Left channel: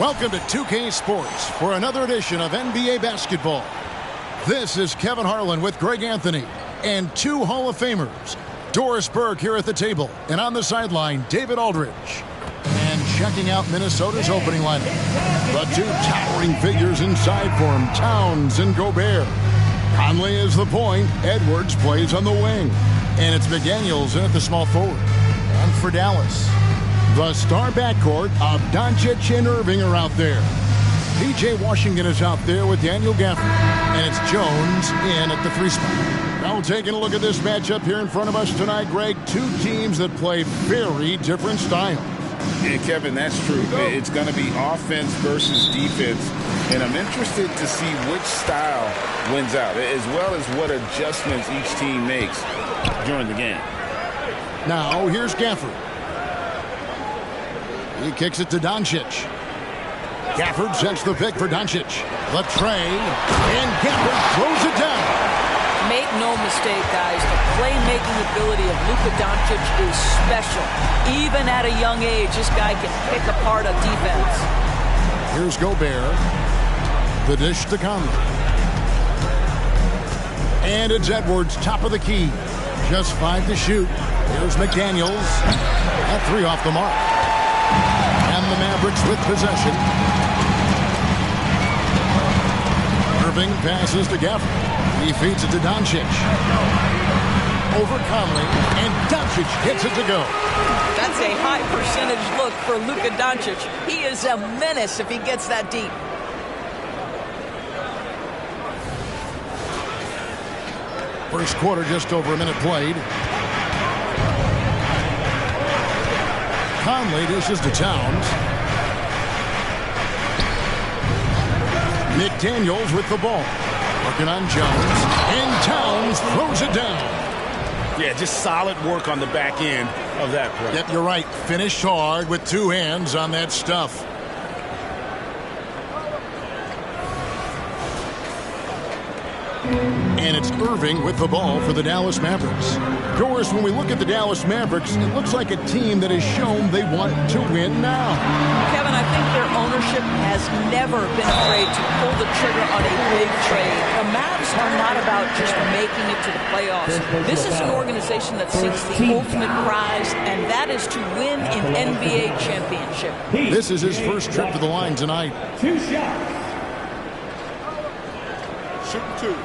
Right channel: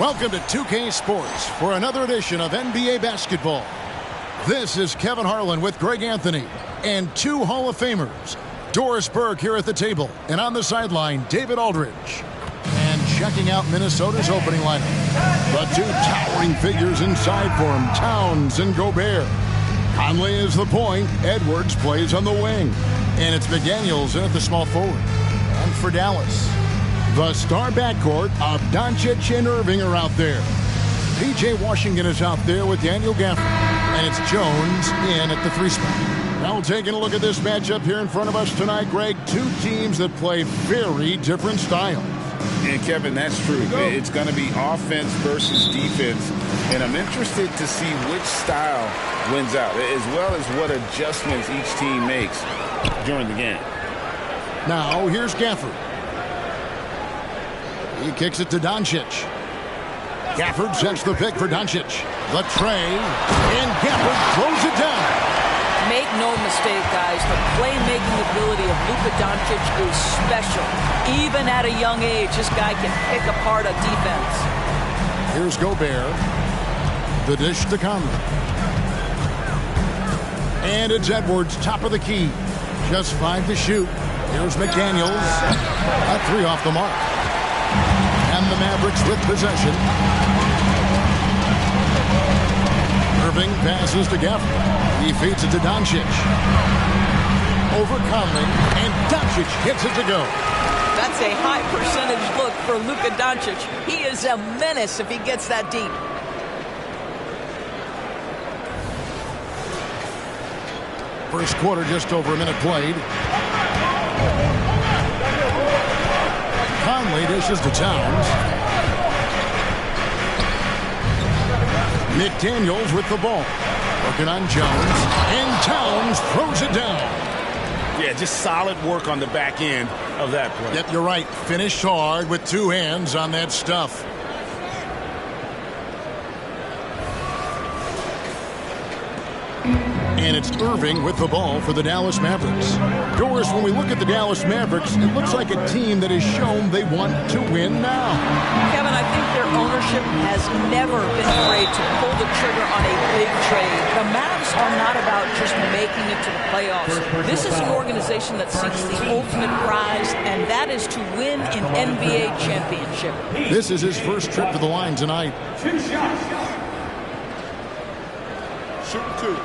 Welcome to 2K Sports for another edition of NBA basketball. This is Kevin Harlan with Greg Anthony and two Hall of Famers. Doris Burke here at the table, and on the sideline, David Aldridge. And checking out Minnesota's opening lineup, the two towering figures inside for him, Towns and Gobert. Conley is the point, Edwards plays on the wing, and it's McDaniels in at the small forward. And for Dallas, the star backcourt of Doncic and Irving are out there. P.J. Washington is out there with Daniel Gafford, and it's Jones in at the 3 spot. Now taking a look at this matchup here in front of us tonight, Greg, two teams that play very different styles. And Kevin, that's true. It's going to be offense versus defense, and I'm interested to see which style wins out, as well as what adjustments each team makes during the game. Now here's Gafford. He kicks it to Doncic. Gafford sets the pick for Doncic. The tray, and Gafford throws it down. Make no mistake, guys, the playmaking ability of Luka Doncic is special. Even at a young age, this guy can pick apart a defense. Here's Gobert. The dish to Conley. And it's Edwards, top of the key. Just 5 to shoot. Here's McDaniels. That 3 off the mark. And the Mavericks with possession. Irving passes to Gafford. He feeds it to Doncic. Over Conley, and Doncic hits it to go. That's a high percentage look for Luka Doncic. He is a menace if he gets that deep. First quarter, just over a minute played. Conley dishes to Towns. McDaniels with the ball. Working on Jones. And Towns throws it down. Yeah, just solid work on the back end of that play. Yep, you're right. Finished hard with 2 hands on that stuff. And it's Irving with the ball for the Dallas Mavericks. Doris, when we look at the Dallas Mavericks, it looks like a team that has shown they want to win now. Kevin, I think their ownership has never been afraid to pull the trigger on a big trade. The Mavs are not about just making it to the playoffs. This is an organization that seeks the ultimate prize, and that is to win an NBA championship. This is his first trip to the line tonight. 2 shots. Shooting 2.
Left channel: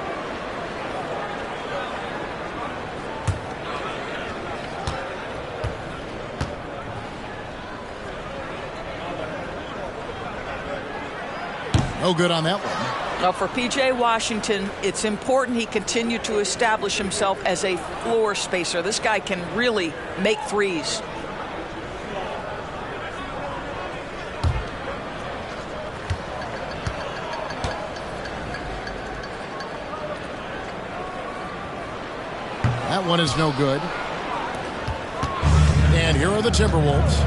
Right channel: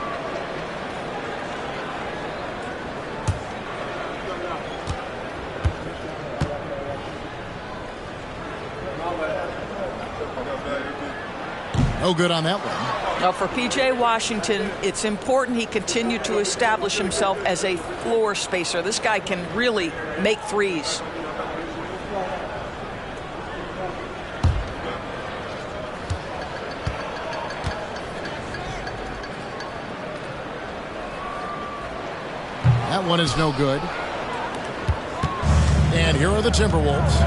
No good on that one. Now for P.J. Washington, it's important he continue to establish himself as a floor spacer. This guy can really make threes. That one is no good. And here are the Timberwolves.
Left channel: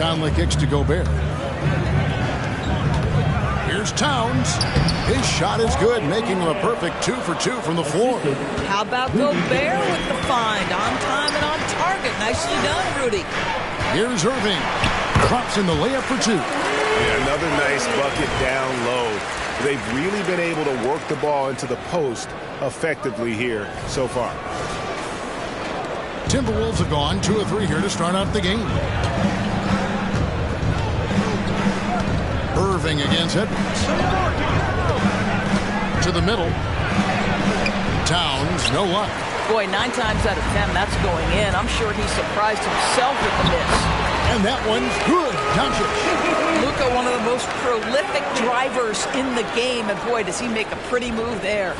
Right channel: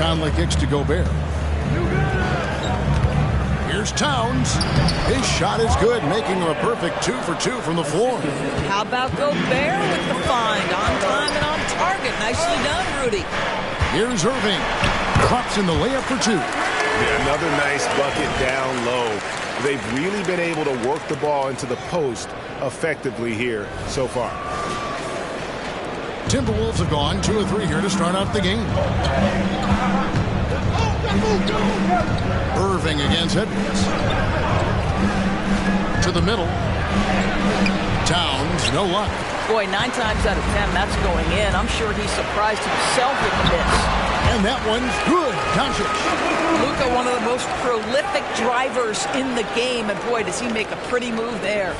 Conley kicks to Gobert. Here's Towns. His shot is good, making him a perfect 2 for 2 from the floor. How about Gobert with the find? On time and on target. Nicely done, Rudy. Here's Irving. Drops in the layup for 2. Yeah, another nice bucket down low. They've really been able to work the ball into the post effectively here so far. Timberwolves have gone 2 of 3 here to start out the game. Irving against Edwards. To the middle. Towns, no luck. Boy, 9 times out of 10, that's going in. I'm sure he surprised himself with the miss. And that one's good. Doncic. Luka, one of the most prolific drivers in the game, and boy, does he make a pretty move there.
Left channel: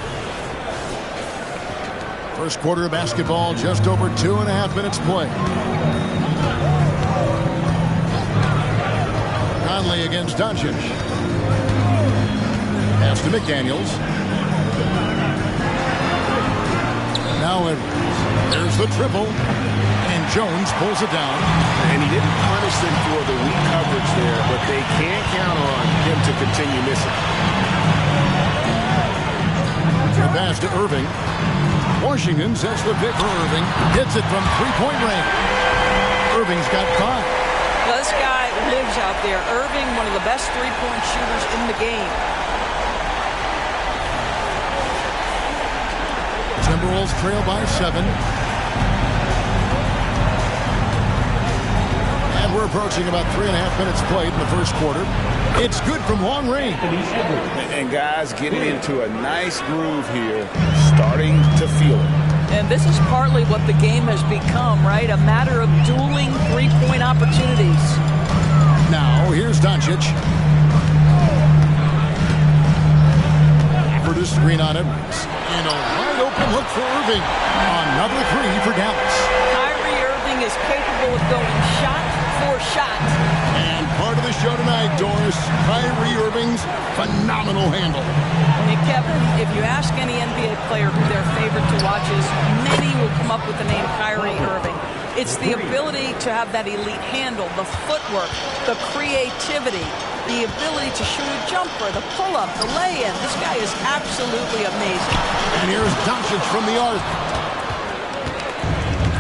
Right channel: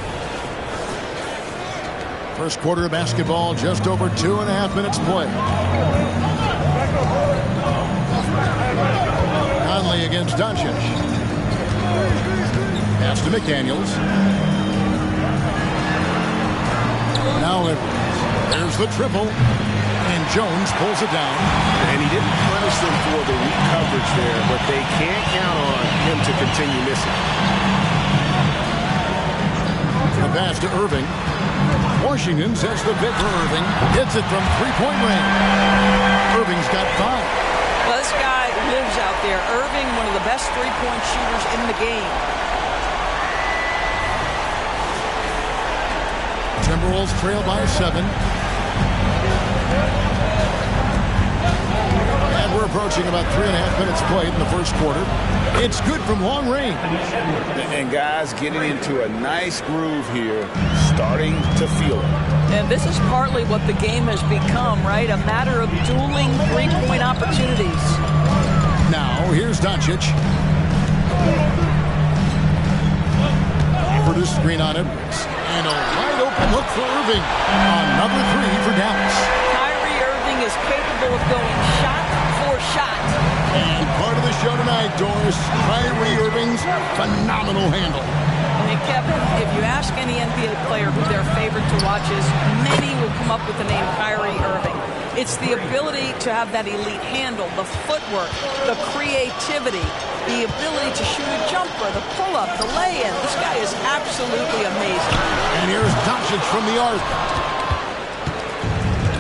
First quarter of basketball, just over 2.5 minutes play. Conley against Doncic. Pass to McDaniels. Now Edwards. There's the triple. And Jones pulls it down. And he didn't punish them for the weak coverage there, but they can't count on him to continue missing. The pass to Irving. Washington sets the pick for Irving. Hits it from 3-point range. Irving's got 5. Well, this guy lives out there. Irving, one of the best three-point shooters in the game. Timberwolves trail by 7. And we're approaching about 3.5 minutes played in the first quarter. It's good from long range. And guys getting into a nice groove here, starting to feel it. And this is partly what the game has become, right? A matter of dueling three-point opportunities. Now, here's Doncic. Offered a screen on Edwards. And a wide open look for Irving. Another three for Dallas. Kyrie Irving is capable of going shot for shot. And part of the show tonight, Doris, Kyrie Irving's phenomenal handle. And Kevin, if you ask any NBA player who their favorite to watch is, many will come up with the name Kyrie Irving. It's the ability to have that elite handle, the footwork, the creativity, the ability to shoot a jumper, the pull-up, the lay-in. This guy is absolutely amazing. And here's Doncic from the arc.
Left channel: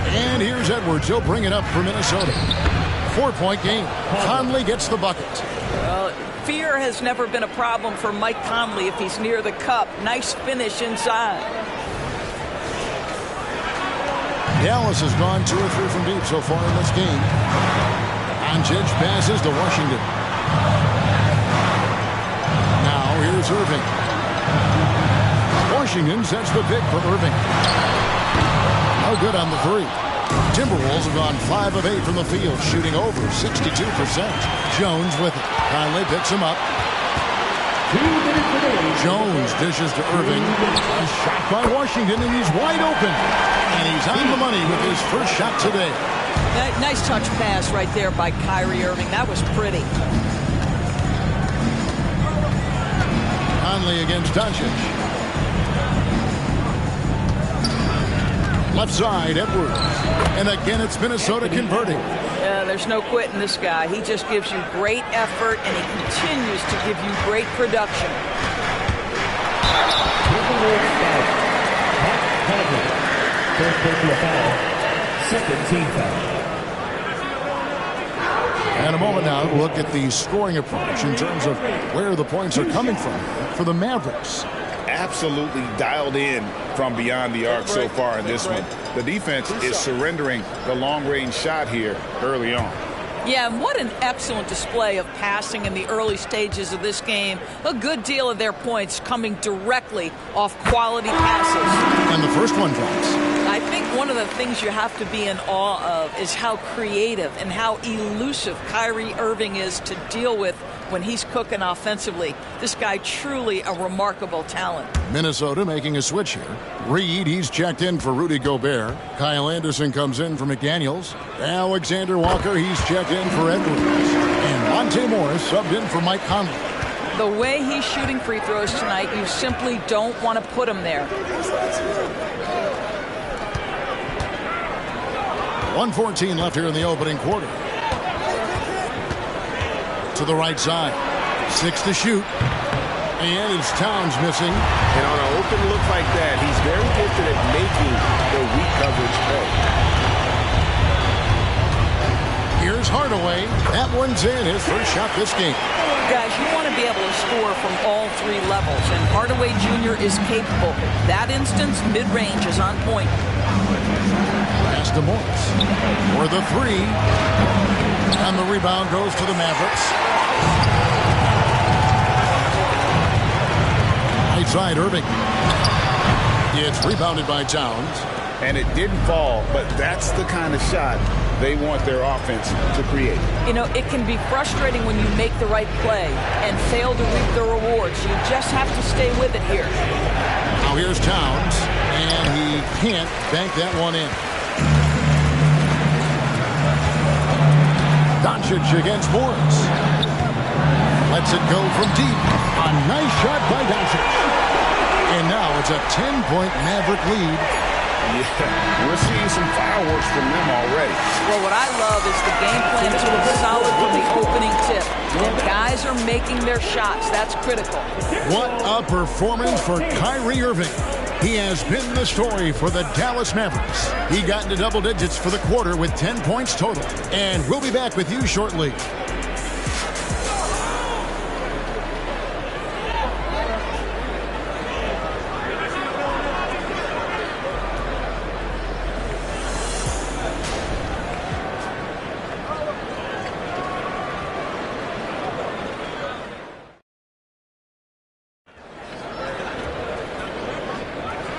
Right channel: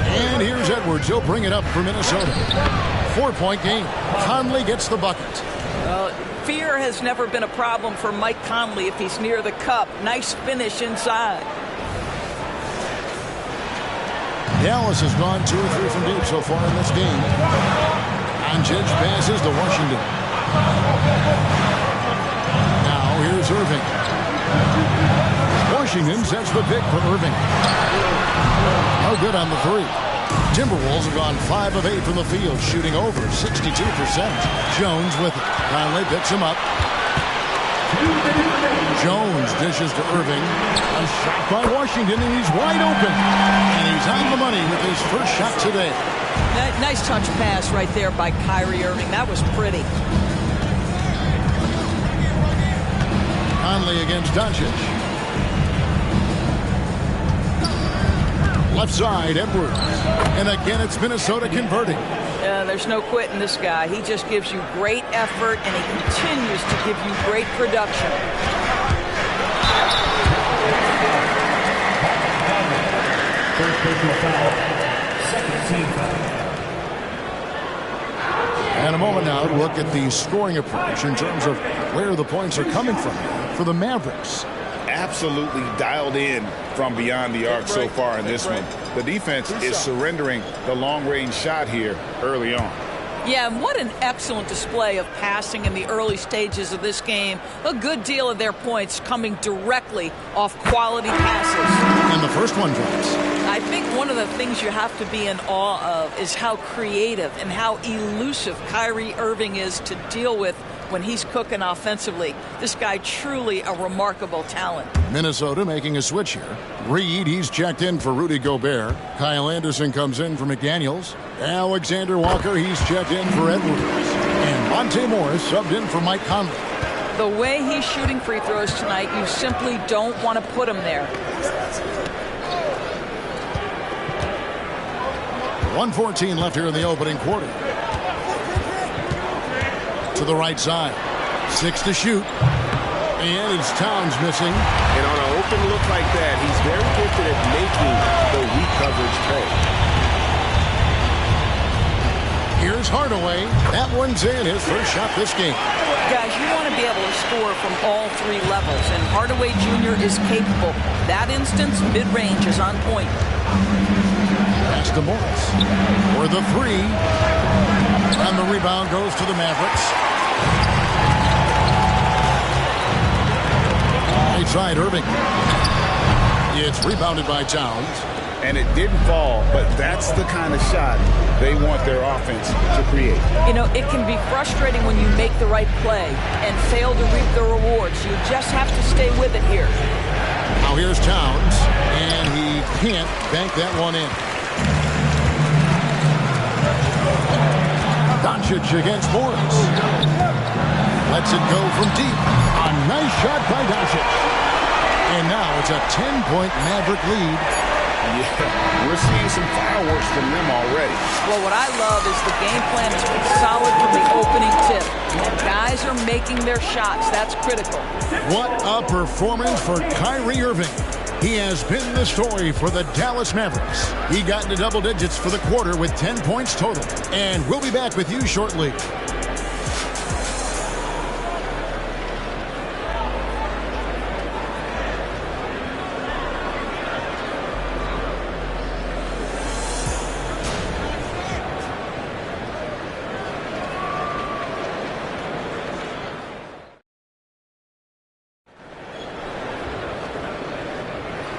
And here's Edwards. He'll bring it up for Minnesota. 4-point game. Conley gets the bucket. Fear has never been a problem for Mike Conley if he's near the cup. Nice finish inside. Dallas has gone 2 or 3 from deep so far in this game. Doncic passes to Washington. Now here's Irving. Washington sets the pick for Irving. No good on the three. Timberwolves have gone 5 of 8 from the field, shooting over 62%. Jones with it. Conley picks him up. Jones dishes to Irving. A shot by Washington, and he's wide open. And he's on the money with his first shot today. Nice touch pass right there by Kyrie Irving. That was pretty. Conley against Doncic. Left side, Edwards. And again, it's Minnesota converting. There's no quitting this guy. He just gives you great effort, and he continues to give you great production. And a moment now to look at the scoring approach in terms of where the points are coming from for the Mavericks. Absolutely dialed in from beyond the arc so far in this one. The defense is surrendering the long-range shot here early on. Yeah, and what an excellent display of passing in the early stages of this game. A good deal of their points coming directly off quality passes. And the first one drops. I think one of the things you have to be in awe of is how creative and how elusive Kyrie Irving is to deal with when he's cooking offensively. This guy truly a remarkable talent. Minnesota making a switch here. Reed, he's checked in for Rudy Gobert. Kyle Anderson comes in for McDaniels. Alexander Walker, he's checked in for Edwards. And Monte Morris subbed in for Mike Conley. The way he's shooting free throws tonight, you simply don't want to put him there. 1:14 left here in the opening quarter. To the right side. 6 to shoot. And it's Towns missing. And on an open look like that, he's very gifted at making the weak coverage pay. Here's Hardaway. That one's in. His first shot this game. Guys, you want to be able to score from all 3 levels, and Hardaway Jr. is capable. That instance, mid-range is on point. Pass to Morris for the 3. And the rebound goes to the Mavericks. Right side, Irving. It's rebounded by Towns. And it didn't fall, but that's the kind of shot they want their offense to create. You know, it can be frustrating when you make the right play and fail to reap the rewards. You just have to stay with it here. Now here's Towns, and he can't bank that one in. Doncic against Morris. Lets it go from deep. A nice shot by Doncic. And now it's a 10-point Maverick lead. Yeah, we're seeing some fireworks from them already. Well, what I love is the game plan has been solid from the opening tip. And guys are making their shots. That's critical. What a performance for Kyrie Irving. He has been the story for the Dallas Mavericks. He got into double digits for the quarter with 10 points total. And we'll be back with you shortly.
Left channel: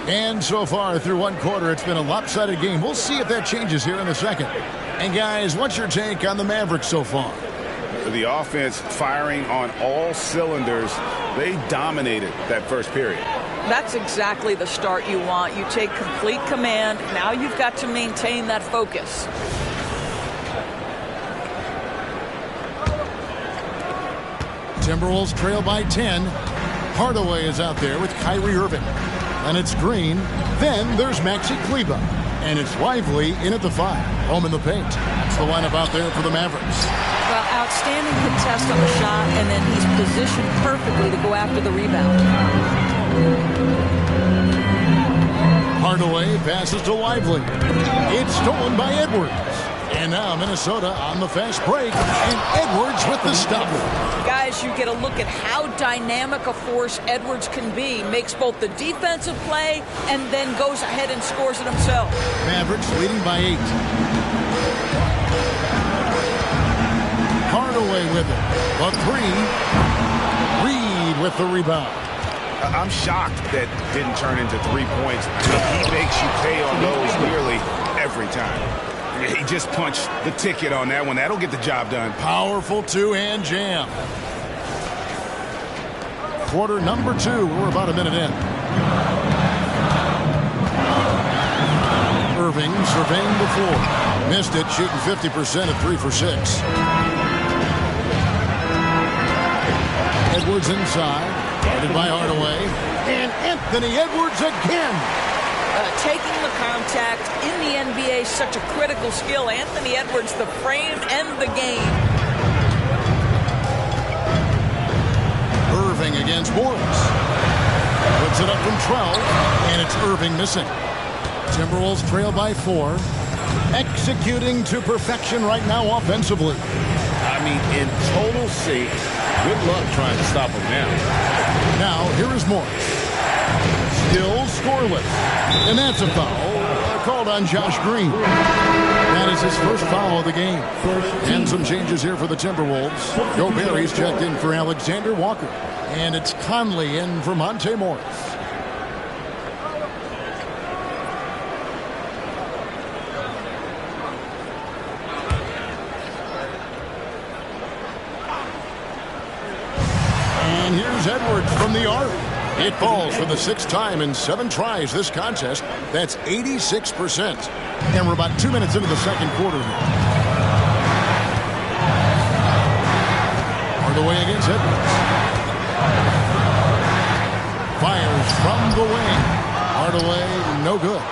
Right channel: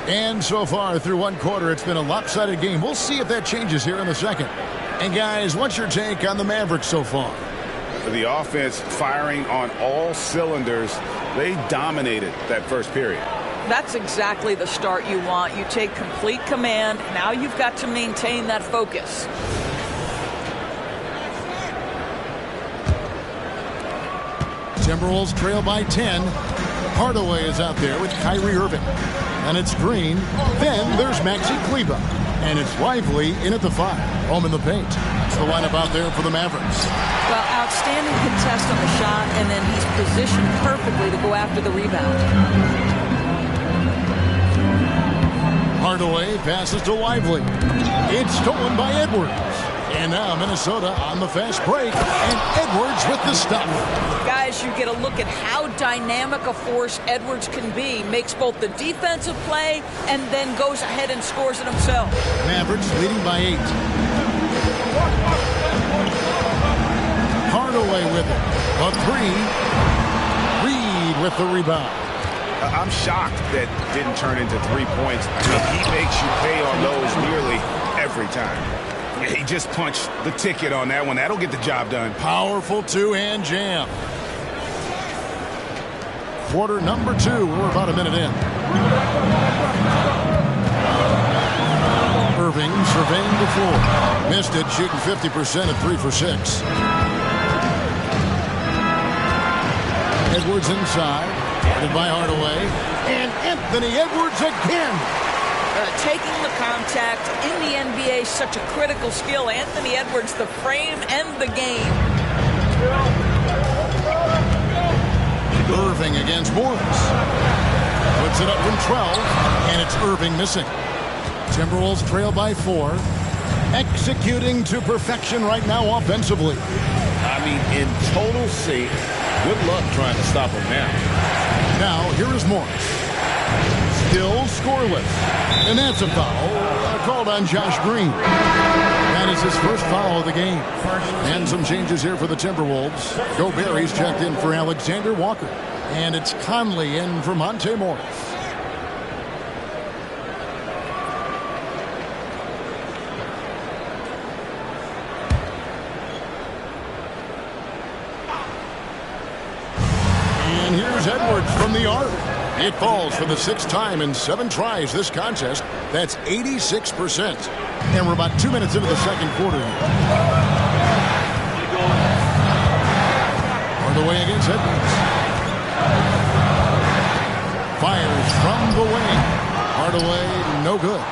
And so far through one quarter, it's been a lopsided game. We'll see if that changes here in the second. And guys, what's your take on the Mavericks so far? The offense firing on all cylinders. They dominated that first period. That's exactly the start you want. You take complete command. Now you've got to maintain that focus. Timberwolves trail by 10. Hardaway is out there with Kyrie Irving. And it's Green. Then there's Maxi Kleber. And it's Lively in at the 5. Home in the paint. That's the lineup out there for the Mavericks. Well, outstanding contest on the shot, and then he's positioned perfectly to go after the rebound. Hardaway passes to Lively. It's stolen by Edwards. And now Minnesota on the fast break. And Edwards with the stuff. Guys, you get a look at how dynamic a force Edwards can be. Makes both the defensive play and then goes ahead and scores it himself. Mavericks leading by 8. Hardaway with it. The 3. Reed with the rebound. I'm shocked that didn't turn into 3 points. He makes you pay on those nearly every time. He just punched the ticket on that one. That'll get the job done. Powerful two-hand jam. Quarter number 2. We're about a minute in. Irving surveying the floor. Missed it, shooting 50% at 3 for 6. Edwards inside. Guarded by Hardaway. And Anthony Edwards again. Taking the contact in the NBA is such a critical skill. Anthony Edwards, the frame and the game. Irving against Morris. Puts it up from 12, and it's Irving missing. Timberwolves trail by 4. Executing to perfection right now offensively. I mean, in total sync. Good luck trying to stop him now. Now, here is Morris. Still scoreless. And that's a foul called on Josh Green. That is his first foul of the game. And some changes here for the Timberwolves. Gobert checked in for Alexander Walker. And it's Conley in for Monte Morris. And here's Edwards from the arc. It falls for the 6th time in 7 tries this contest. That's 86%. And we're about 2 minutes into the second quarter here. Hardaway against Edwards. Fires from the wing. Hardaway, no good.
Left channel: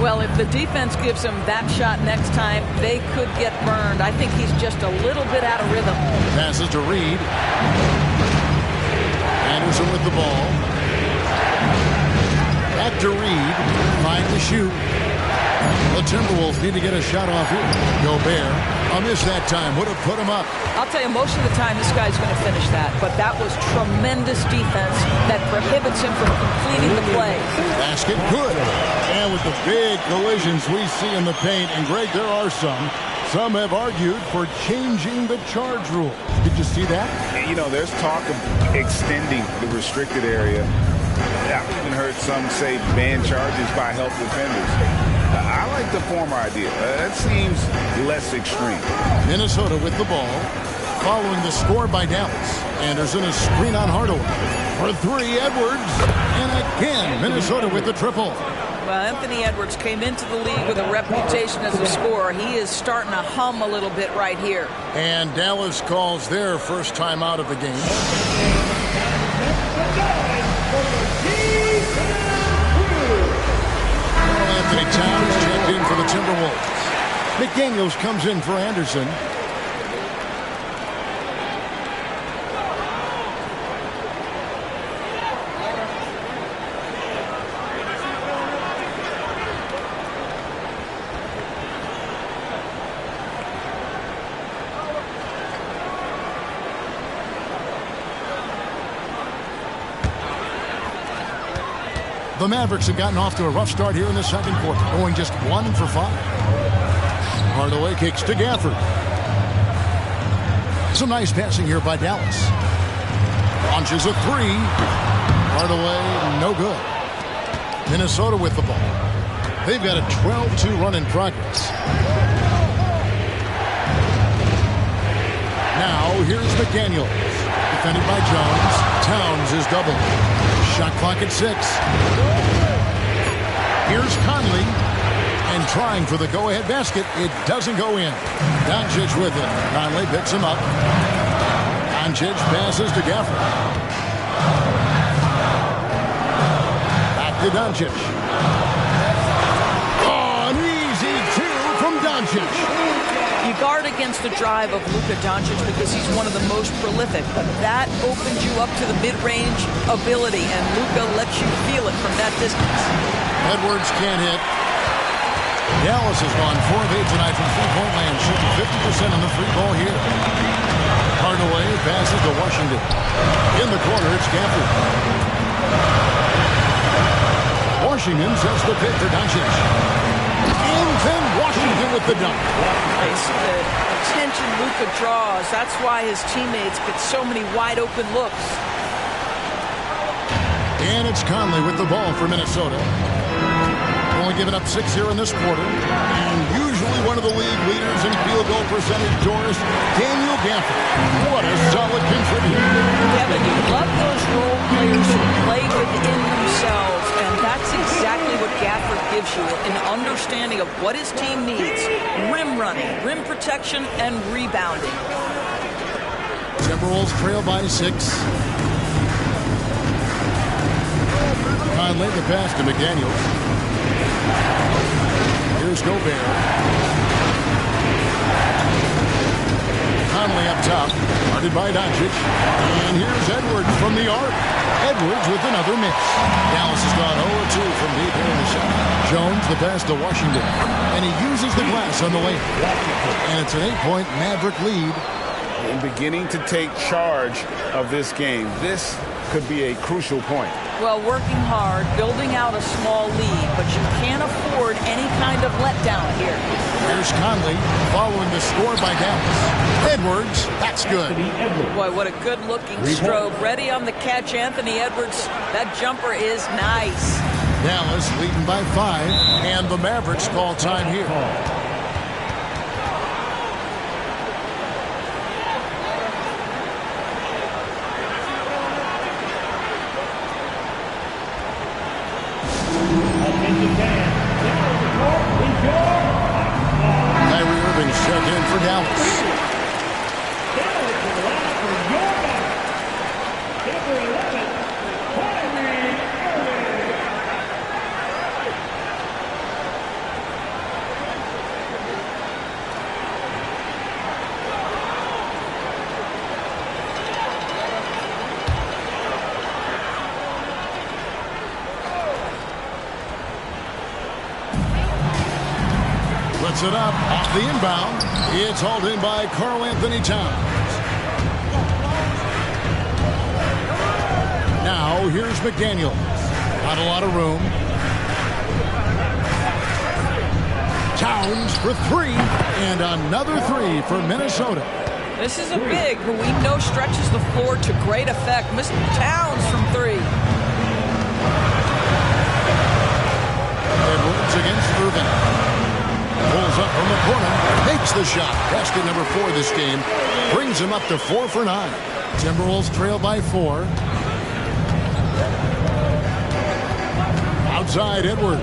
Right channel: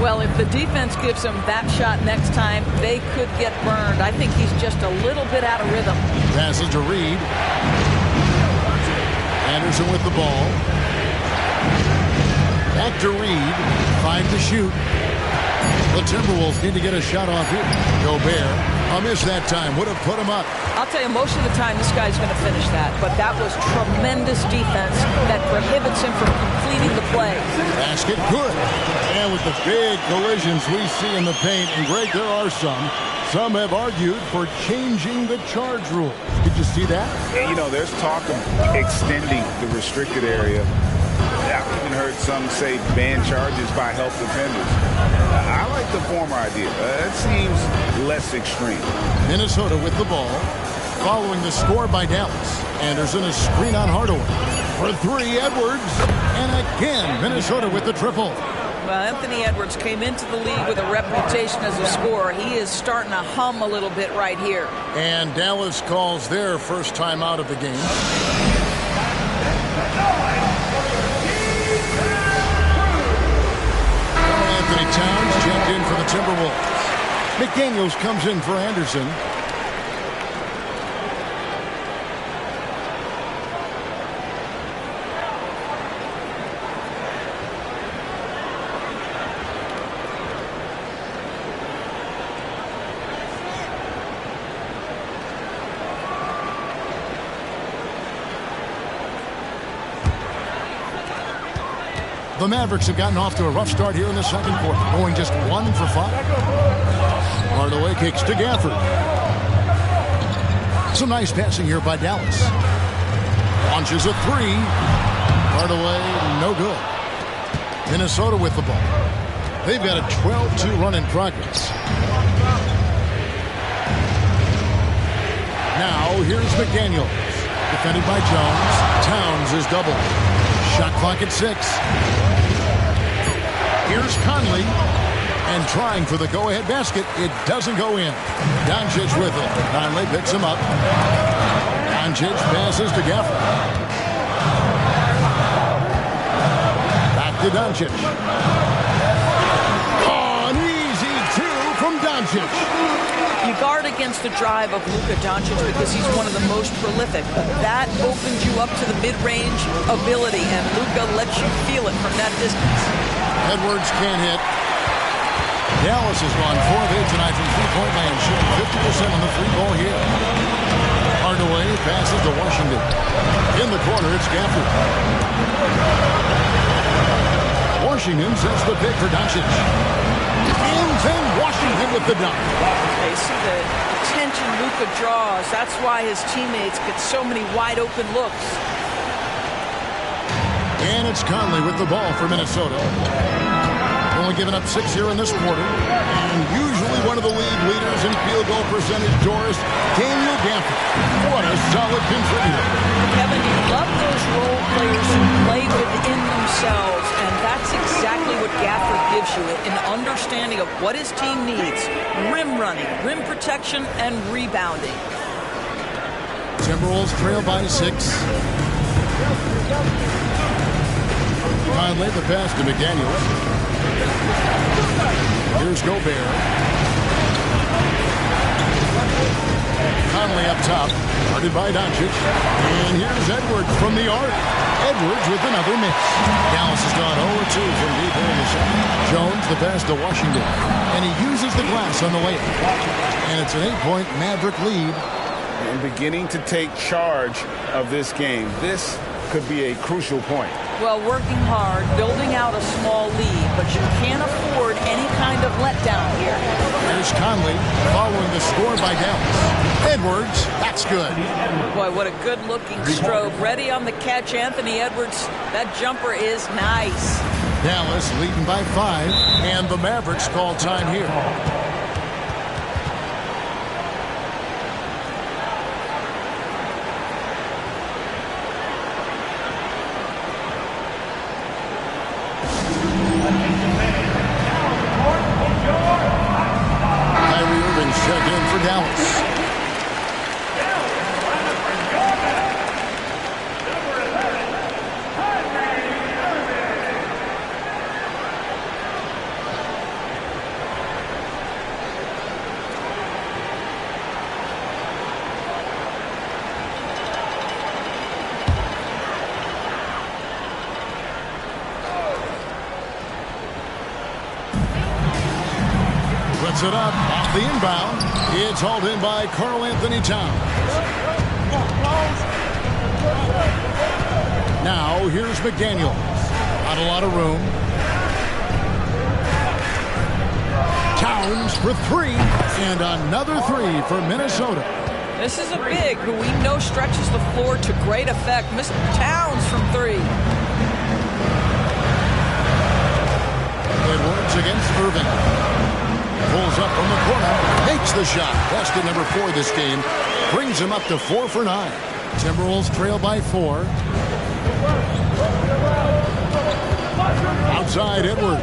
Well, if the defense gives him that shot next time, they could get burned. I think he's just a little bit out of rhythm. Passes to Reed. Anderson with the ball. Back to Reed. 5 to shoot. The Timberwolves need to get a shot off here. Gobert, a miss that time, would have put him up. I'll tell you, most of the time this guy's going to finish that. But that was tremendous defense that prohibits him from completing the play. Basket good. And with the big collisions we see in the paint, and Greg, there are some have argued for changing the charge rule. Did you see that? You know, there's talk of extending the restricted area. I've even heard some say ban charges by help defenders. I like the former idea. That seems less extreme. Minnesota with the ball. Following the score by Dallas. Anderson a screen on Hardaway. For 3, Edwards. And again, Minnesota with the triple. Well, Anthony Edwards came into the league with a reputation as a scorer. He is starting to hum a little bit right here. And Dallas calls their first time out of the game. Anthony Towns checked in for the Timberwolves. McDaniels comes in for Anderson. The Mavericks have gotten off to a rough start here in the second quarter, going just 1 for 5. Hardaway kicks to Gafford. Some nice passing here by Dallas. Launches a 3. Hardaway, no good. Minnesota with the ball. They've got a 12-2 run in progress. Now, here's McDaniels. Defended by Jones. Towns is doubled. Shot clock at 6. Here's Conley. And trying for the go-ahead basket. It doesn't go in. Doncic with it. Conley picks him up. Doncic passes to Gafford. Back to Doncic. Oh, an easy 2 from Doncic. You guard against the drive of Luka Doncic because he's one of the most prolific, but that opens you up to the mid-range ability, and Luka lets you feel it from that distance. Edwards can't hit. Dallas has gone 4 of 8 tonight from three-point land, shooting 50% on the free ball here. Hardaway passes to Washington. In the corner, it's Gafford. Washington sets the pick for Doncic. And then Washington with the dunk. They see the attention Luka draws. That's why his teammates get so many wide-open looks. And it's Conley with the ball for Minnesota. Only given up 6 here in this quarter. And usually one of the league leaders in field goal percentage, Doris, Daniel Gafford. What a solid contributor. Kevin, you love those role players who play within themselves, and that's exactly what Gafford gives you, an understanding of what his team needs. Rim running, rim protection, and rebounding. Timberwolves trail by 6. Conley the pass to McDaniels. Here's Gobert. Conley up top, guarded by Doncic. And here's Edwards from the arc. Edwards with another miss. Dallas has gone 0-2 from deep here in the second. Jones the pass to Washington. And he uses the glass on the layup. And it's an 8-point Maverick lead. And beginning to take charge of this game. This could be a crucial point. Well, working hard, building out a small lead, but you can't afford any kind of letdown here. Here's Conley following the score by Dallas. Edwards, that's good. Boy, what a good-looking stroke. Ready on the catch, Anthony Edwards. That jumper is nice. Dallas leading by 5, and the Mavericks call time here. Checked in for Dallas. Puts it up off the inbound. It's hauled in by Karl Anthony Towns. Now here's McDaniels. Not a lot of room. Towns for 3, and another 3 for Minnesota. This is a big who we know stretches the floor to great effect. Mr. Towns from 3. Edwards against Irving. Pulls up from the corner, makes the shot. Basket number 4 this game. Brings him up to 4 for 9. Timberwolves trail by 4. Outside Edwards.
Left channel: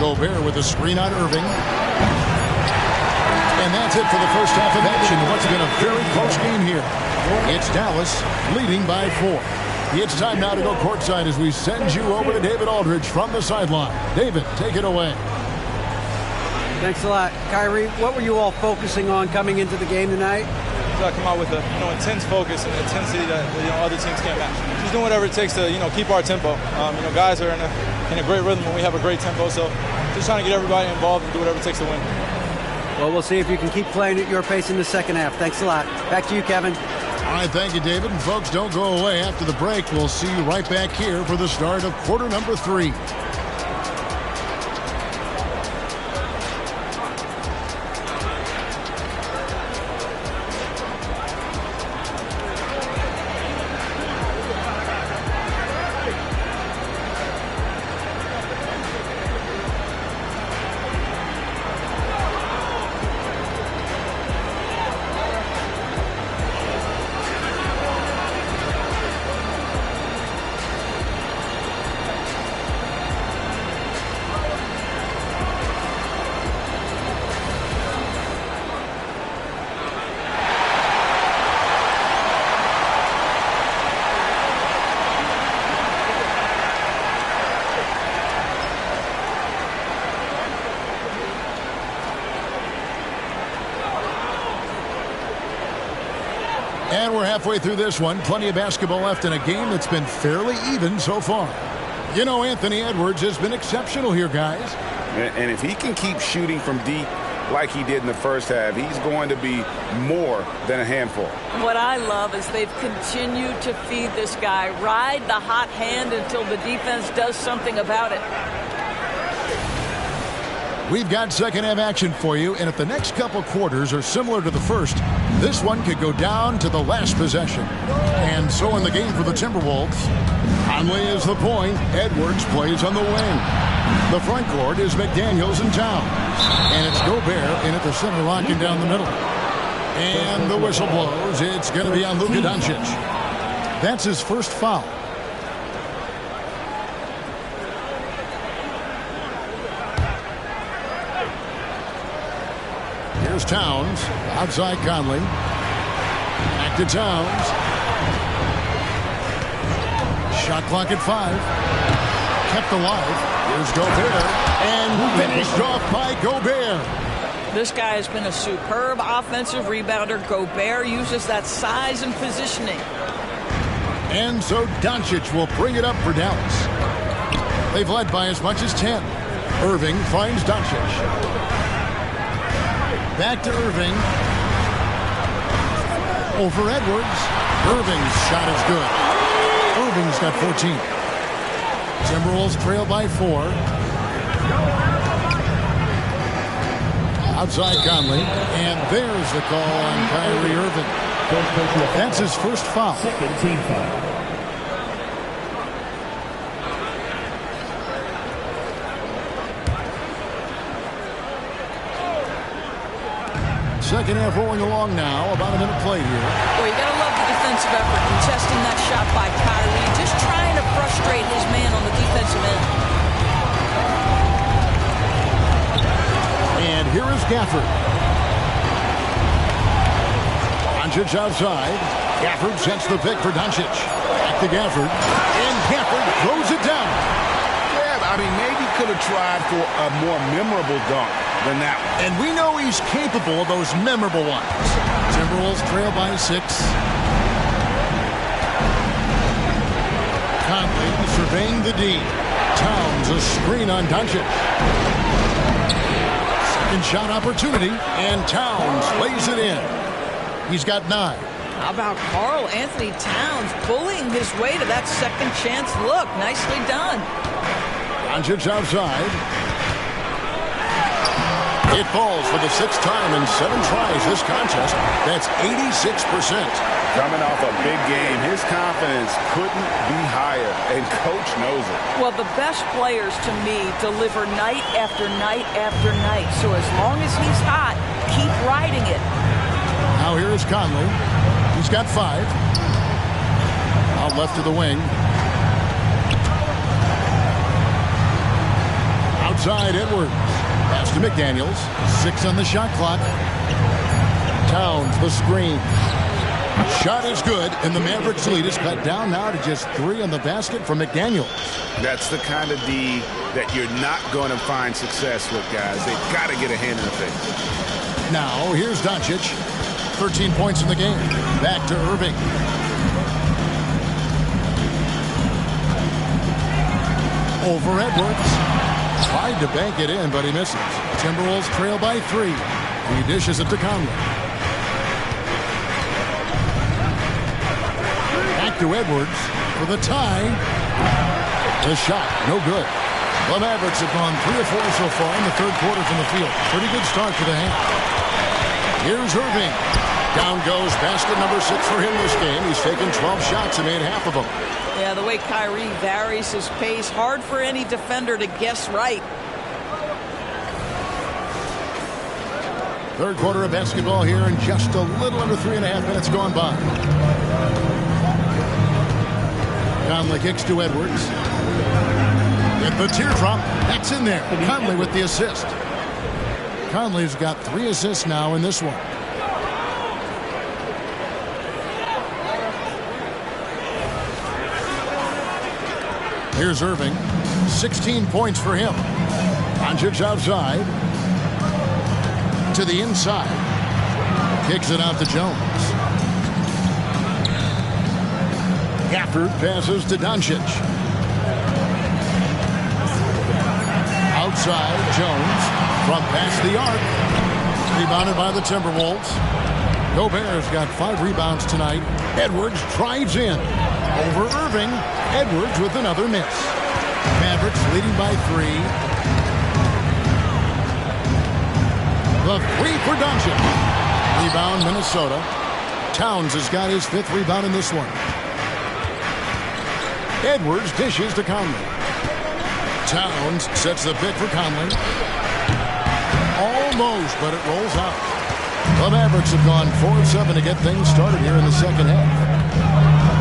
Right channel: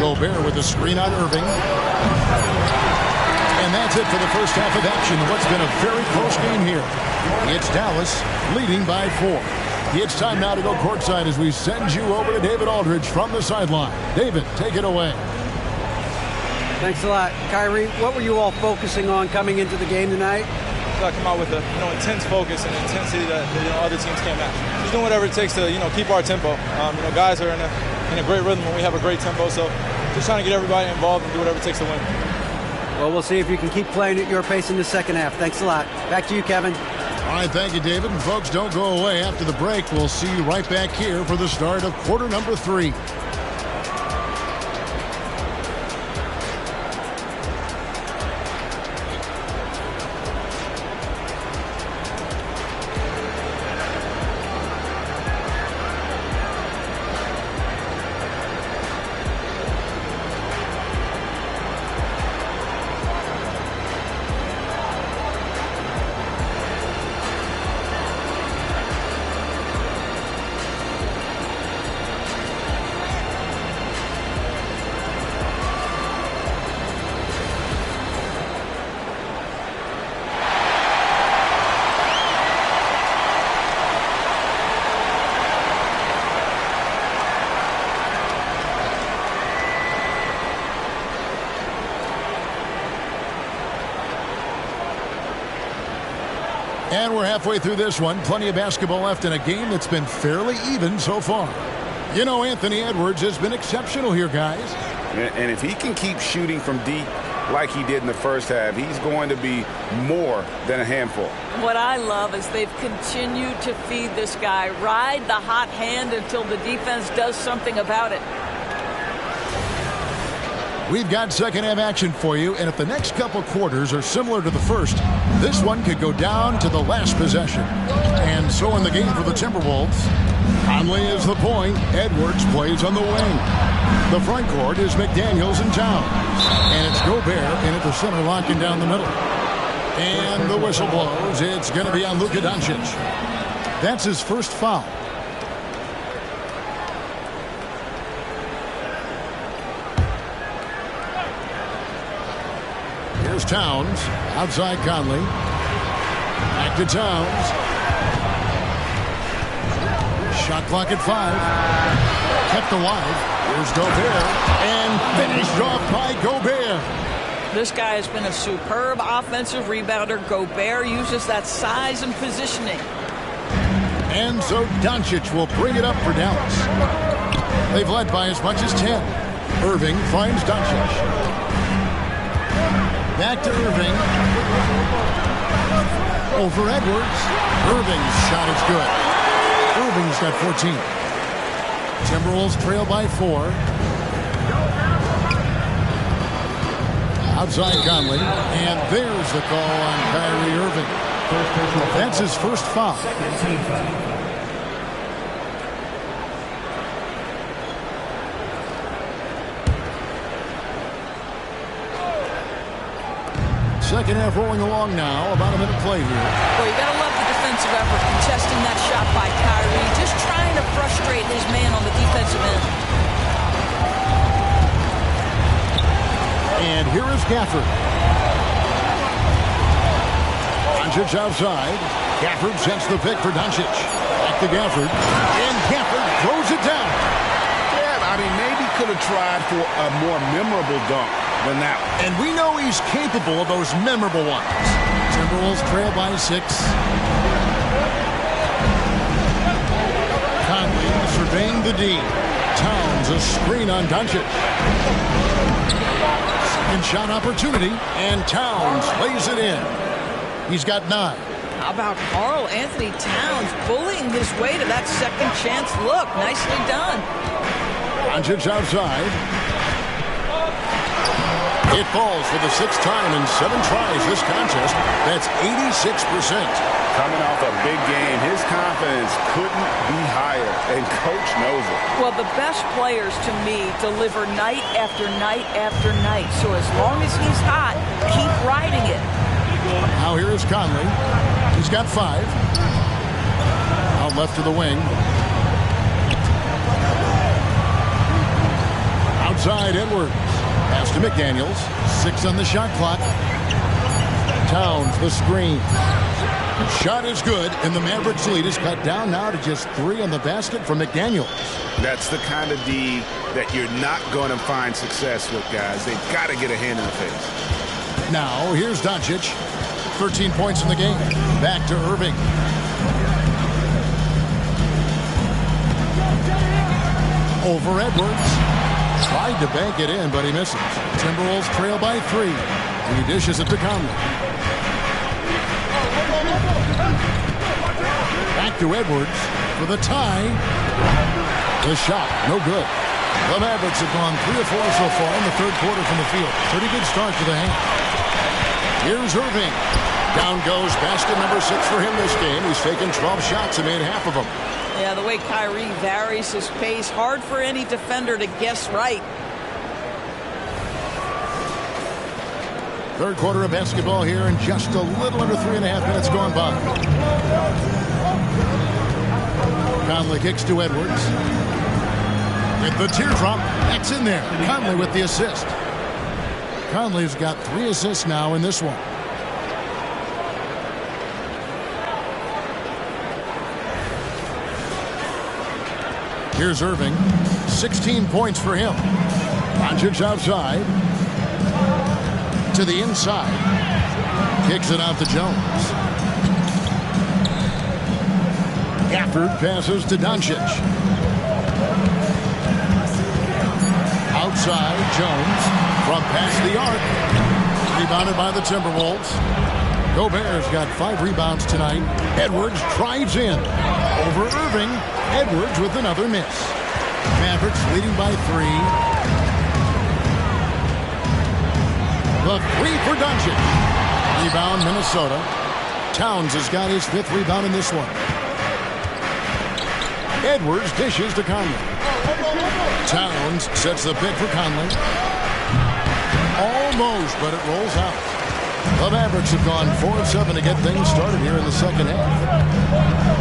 Gobert with a screen on Irving. And that's it for the first half of action. What's been a very close game here. It's Dallas leading by 4. It's time now to go courtside as we send you over to David Aldridge from the sideline. David, take it away. Thanks a lot. Kyrie, what were you all focusing on coming into the game tonight? Come out with a intense focus and intensity that other teams can't match. Just doing whatever it takes to keep our tempo. Guys are in a great rhythm when we have a great tempo. So just trying to get everybody involved and do whatever it takes to win. Well, we'll see if you can keep playing at your pace in the second half. Thanks a lot. Back to you, Kevin. All right, thank you, David. And folks, don't go away. After the break, we'll see you right back here for the start of quarter number 3. And we're halfway through this one. Plenty of basketball left in a game that's been fairly even so far. You know, Anthony Edwards has been exceptional here, guys. And if he can keep shooting from deep like he did in the first half, he's going to be more than a handful. What I love is they've continued to feed this guy, ride the hot hand until the defense does something about it. We've got second half action for you, and if the next couple quarters are similar to the first, this one could go down to the last possession. And so in the game for the Timberwolves, Conley is the point. Edwards plays on the wing. The front court is McDaniels and Towns. And it's Gobert in at the center, locking down the middle. And the whistle blows. It's going to be on Luka Doncic. That's his first foul. Here's Towns. Outside Conley. Back to Towns. Shot clock at 5. Kept alive. Here's Gobert. And finished off by Gobert. This guy has been a superb offensive rebounder. Gobert uses that size and positioning. And so Doncic will bring it up for Dallas. They've led by as much as 10. Irving finds Doncic. Back to Irving. Over Edwards. Irving's shot is good. Irving's got 14. Timberwolves trail by 4. Outside Conley. And there's the call on Kyrie Irving. That's his first foul. Second team foul. Second half rolling along now. About a minute played here. Well, you got to love the defensive effort, contesting that shot by Kyrie, just trying to frustrate his man on the defensive end. And here is Gafford. Doncic outside. Gafford sets the pick for Doncic. Back to Gafford. And Gafford throws it down. Yeah, I mean, maybe could have tried for a more memorable dunk than that one. And we know he's capable of those memorable ones. Timberwolves trail by 6. Conley surveying the D. Towns a screen on Doncic. Second shot opportunity, and Towns lays it in. He's got 9. How about Karl Anthony Towns bullying his way to that second chance look? Nicely done. Doncic outside. It falls for the 6th time in 7 tries this contest. That's 86%. Coming off a big game, his confidence couldn't be higher, and coach knows it. Well, the best players, to me, deliver night after night after night. So as long as he's hot, keep riding it. Now here is Conley. He's got 5. Out left to the wing. Outside Edwards. Pass to McDaniels. 6 on the shot clock. Towns the screen. Shot is good, and the Mavericks lead is cut down now to just 3 on the basket from McDaniels. That's the kind of D that you're not going to find success with, guys. They've got to get a hand in the face. Now here's Doncic. 13 points in the game. Back to Irving. Over Edwards. Tried to bank it in, but he misses. Timberwolves trail by 3. He dishes it to Conley. Back to Edwards for the tie. The shot, no good. The Mavericks have gone 3 of 4 so far in the third quarter from the field. Pretty good start to the half. Here's Irving. Down goes basket number 6 for him this game. He's taken 12 shots and made half of them. Yeah, the way Kyrie varies his pace, hard for any defender to guess right. Third quarter of basketball here, and just a little under 3.5 minutes gone by. Conley kicks to Edwards. With the teardrop, that's in there. Conley with the assist. Conley's got 3 assists now in this one. Here's Irving. 16 points for him. Doncic outside. To the inside. Kicks it out to Jones. Gafford passes to Doncic. Outside, Jones from past the arc. Rebounded by the Timberwolves. Gobert's got 5 rebounds tonight. Edwards drives in. Over Irving. Edwards with another miss. Mavericks leading by 3. The 3 for Doncic. Rebound, Minnesota. Towns has got his 5th rebound in this one. Edwards dishes to Conley. Towns sets the pick for Conley. Almost, but it rolls out. The Mavericks have gone 4 of 7 to get things started here in the second half.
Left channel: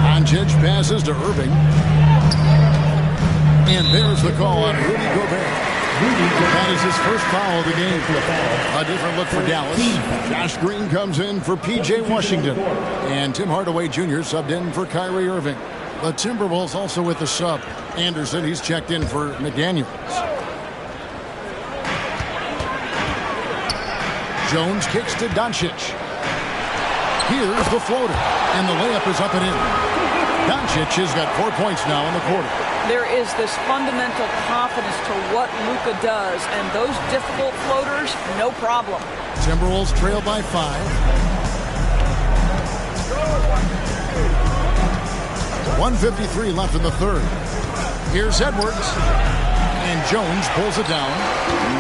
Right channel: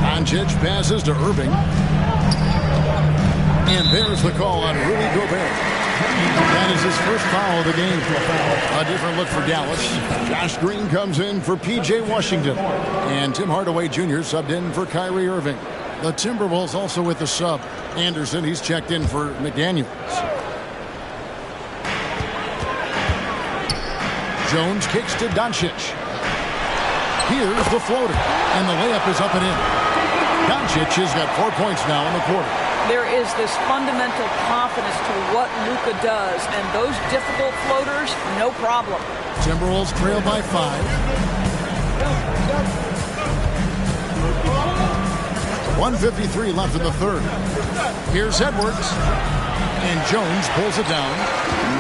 Doncic passes to Irving. And there's the call on Rudy Gobert. That is his first foul of the game. A different look for Dallas. Josh Green comes in for P.J. Washington. And Tim Hardaway Jr. subbed in for Kyrie Irving. The Timberwolves also with the sub. Anderson, he's checked in for McDaniels. Jones kicks to Doncic. Here's the floater. And the layup is up and in. Doncic has got 4 points now in the quarter. There is this fundamental confidence to what Luka does, and those difficult floaters, no problem. Timberwolves trail by 5. 1:53 left in the third. Here's Edwards. And Jones pulls it down.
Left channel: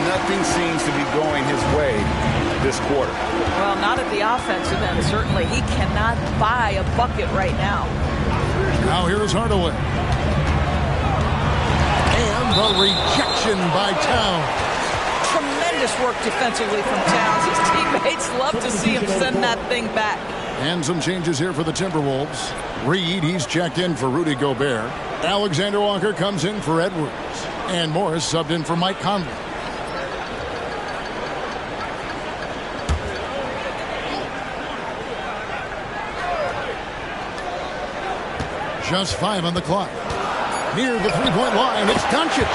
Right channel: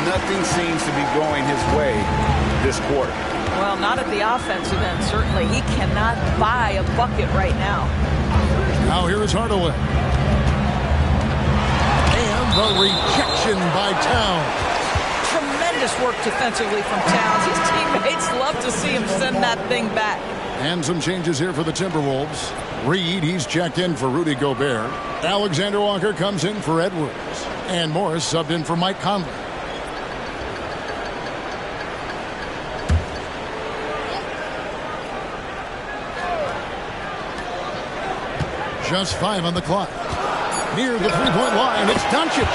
Nothing seems to be going his way this quarter. Well, not at the offensive end, certainly. He cannot buy a bucket right now. Now here is Hardaway. And the rejection by Towns. Tremendous work defensively from Towns. His teammates love to see him send that thing back. And some changes here for the Timberwolves. Reed, he's checked in for Rudy Gobert. Alexander Walker comes in for Edwards. And Morris subbed in for Mike Conley. Just 5 on the clock. Near the three-point line, it's Doncic.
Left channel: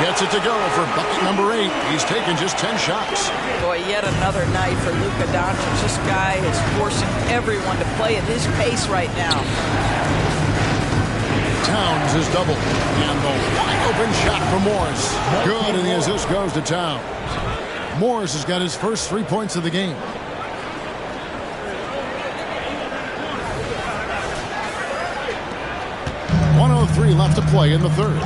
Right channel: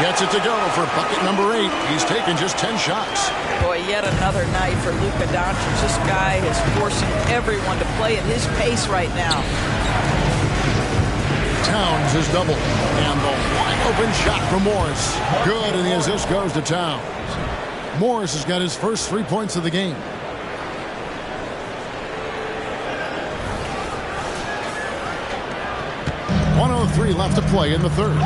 Gets it to go for bucket number 8. He's taken just 10 shots. Boy, yet another night for Luka Doncic. This guy is forcing everyone to play at his pace right now. Towns is doubled. And the wide-open shot from Morris. Good, and the assist goes to Towns. Morris has got his first 3 points of the game. .103 left to play in the third.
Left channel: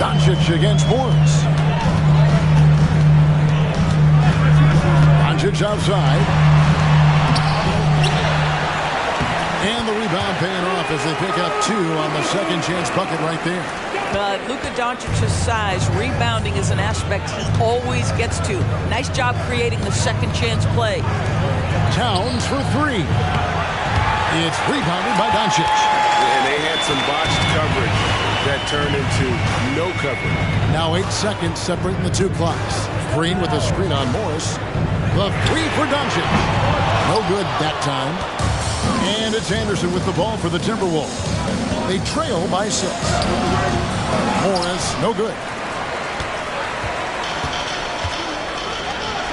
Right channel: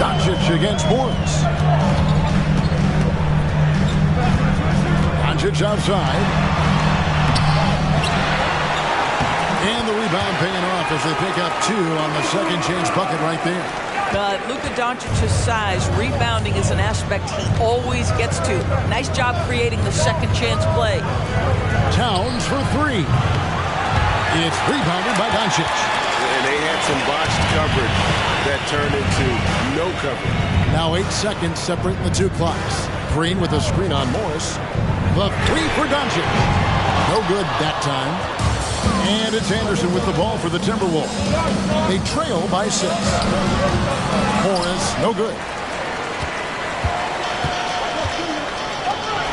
Doncic against Morris. Doncic outside. And the rebound paying off as they pick up 2 on the second chance bucket right there. Luka Doncic's size, rebounding is an aspect he always gets to. Nice job creating the second chance play. Towns for 3. It's rebounded by Doncic. And they had some botched coverage that turned into no coverage. Now 8 seconds separating the 2 clocks. Green with a screen on Morris. The 3 for Doncic. No good that time. And it's Anderson with the ball for the Timberwolves. They trail by 6. Morris, no good.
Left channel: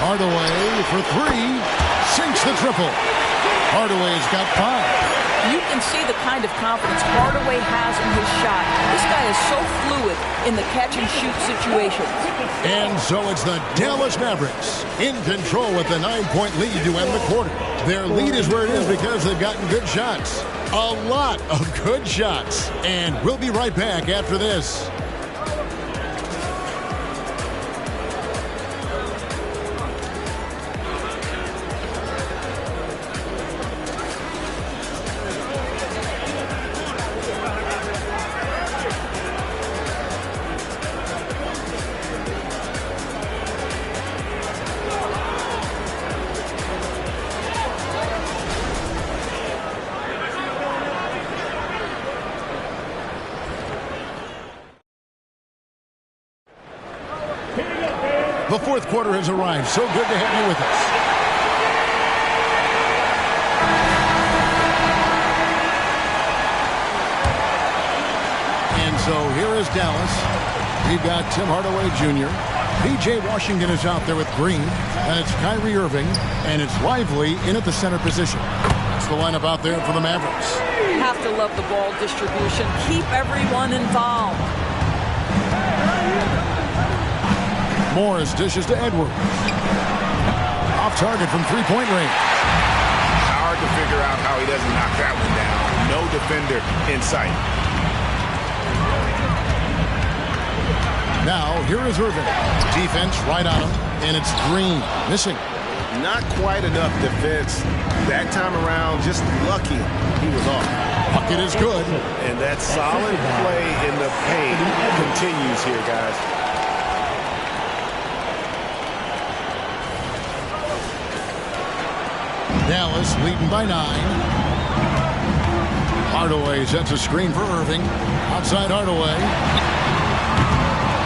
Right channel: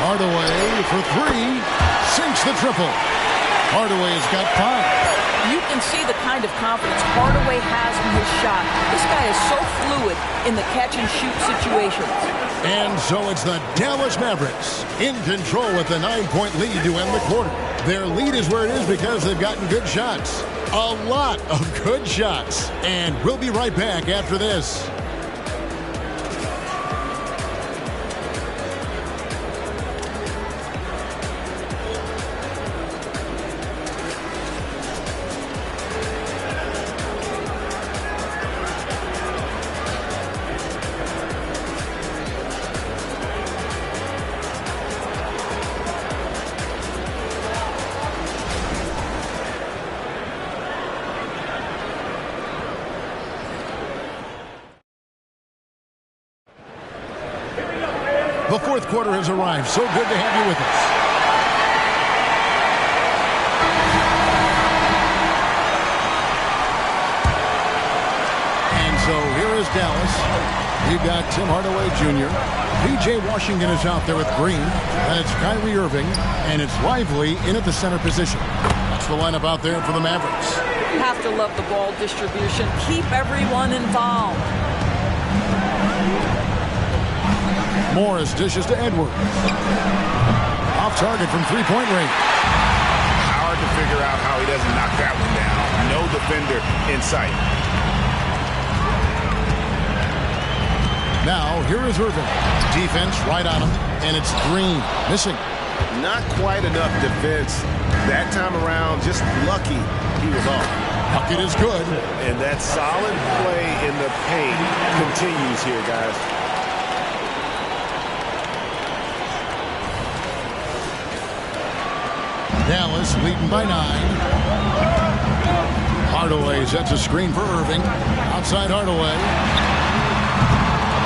Hardaway for 3. Sinks the triple. Hardaway has got 5. You can see the kind of confidence Hardaway has in his shot. This guy is so fluid in the catch-and-shoot situations. And so it's the Dallas Mavericks in control with a 9-point lead to end the quarter. Their lead is where it is because they've gotten good shots. A lot of good shots. And we'll be right back after this. The fourth quarter has arrived. So good to have you with us. And so here is Dallas. We've got Tim Hardaway Jr. P.J. Washington is out there with Green. And it's Kyrie Irving. And it's Lively in at the center position. That's the lineup out there for the Mavericks. You have to love the ball distribution. Keep everyone involved. Morris dishes to Edwards. Off target from three-point range. Hard to figure out how he doesn't knock that one down. No defender in sight. Now, here is Irving. Defense right on him, and it's Green. Missing. Not quite enough defense. That time around, just lucky he was off. Bucket is good. And that solid play in the paint continues here, guys. Dallas leading by 9. Hardaway sets a screen for Irving. Outside Hardaway.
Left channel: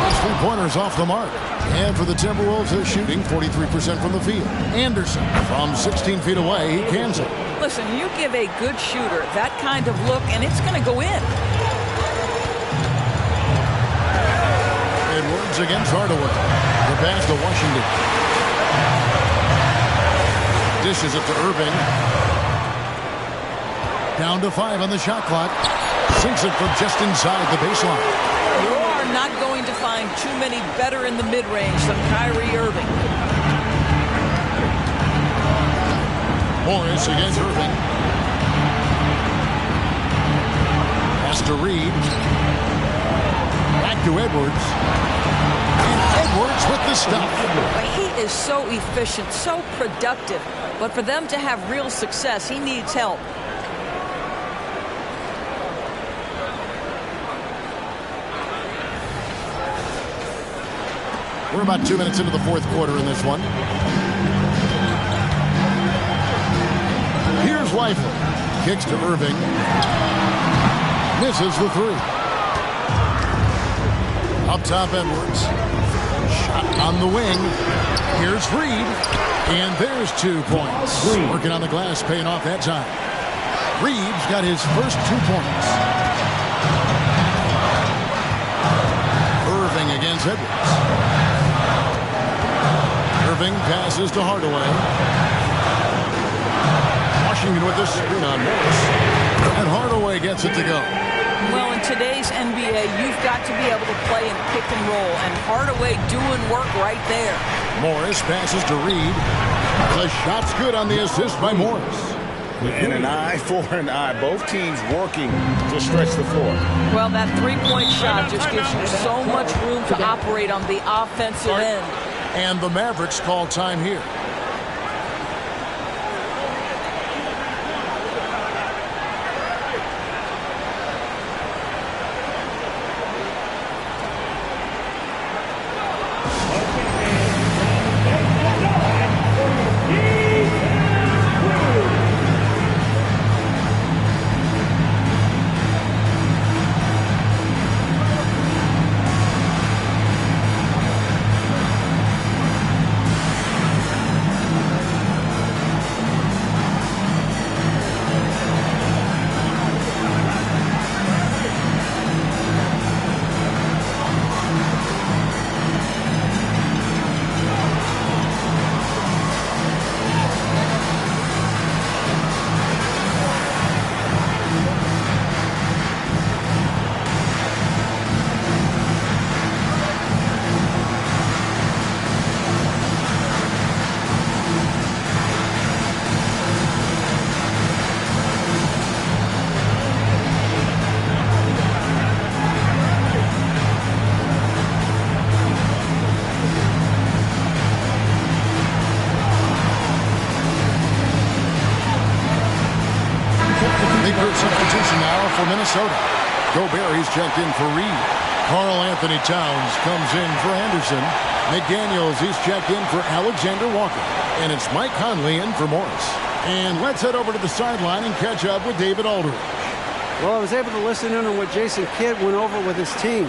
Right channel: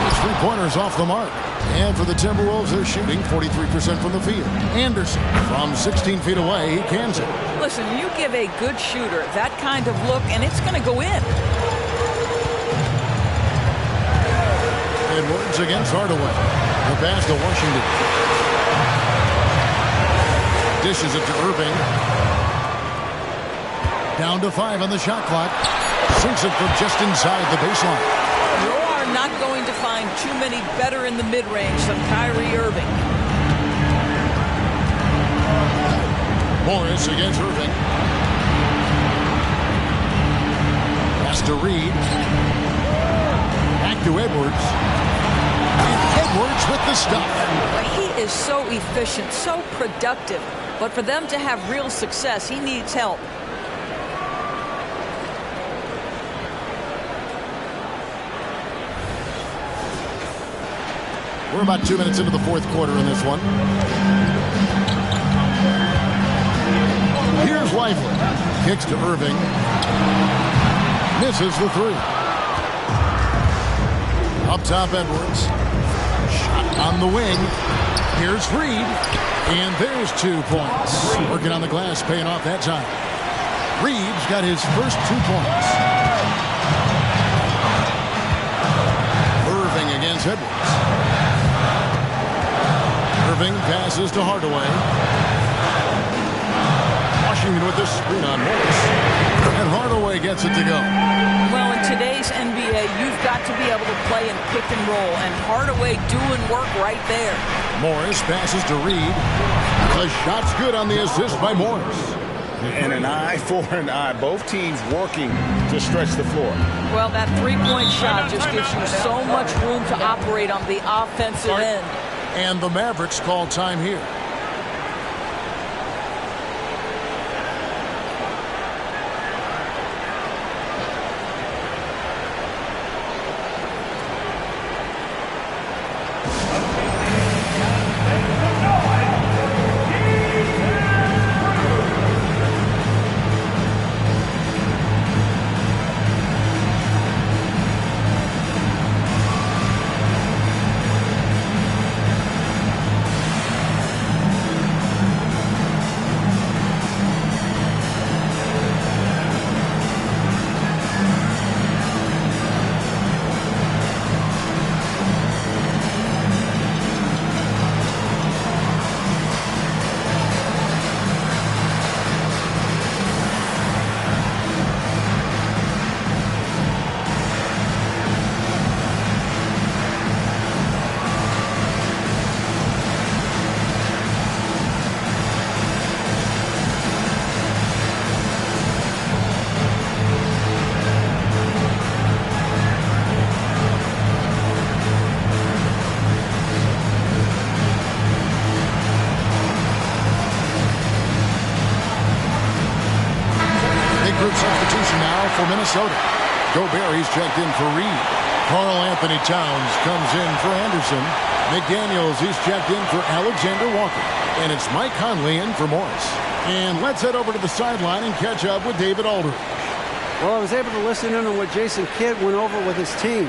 Those three-pointers off the mark. And for the Timberwolves, they're shooting 43% from the field. Anderson from 16 feet away. He cans it. Listen, you give a good shooter that kind of look, and it's going to go in. Edwards against Hardaway. The pass to Washington. Dishes it to Irving. Down to 5 on the shot clock. Sinks it from just inside the baseline. You are not going to find too many better in the mid-range than Kyrie Irving. Morris against Irving. Pass to Reed. Back to Edwards. And Edwards with the stuff. He is so efficient, so productive. But for them to have real success, he needs help. We're about 2 minutes into the fourth quarter in this one. Here's Lively. Kicks to Irving. Misses the three. Up top, Edwards. Shot on the wing. Here's Reed. And there's 2 points. Working on the glass, paying off that time. Reed's got his first 2 points. Irving against Edwards. Irving passes to Hardaway. Washington with the screen on Morris. And Hardaway gets it to go. Well, in today's NBA, you've got to be able to play in pick and roll. And Hardaway doing work right there. Morris passes to Reed. The shot's good on the assist by Morris. And an eye for an eye. Both teams working to stretch the floor. Well, that three-point shot just gives you so much room to operate on the offensive end. And the Mavericks call time here. possession now for Minnesota. Gobert, he's checked in for Reed. Karl Anthony Towns comes in for Anderson. McDaniels, he's checked in for Alexander Walker. And it's Mike Conley in for Morris. And let's head over to the sideline and catch up with David Aldridge. Well, I was able to listen in on what Jason Kidd went over with his team.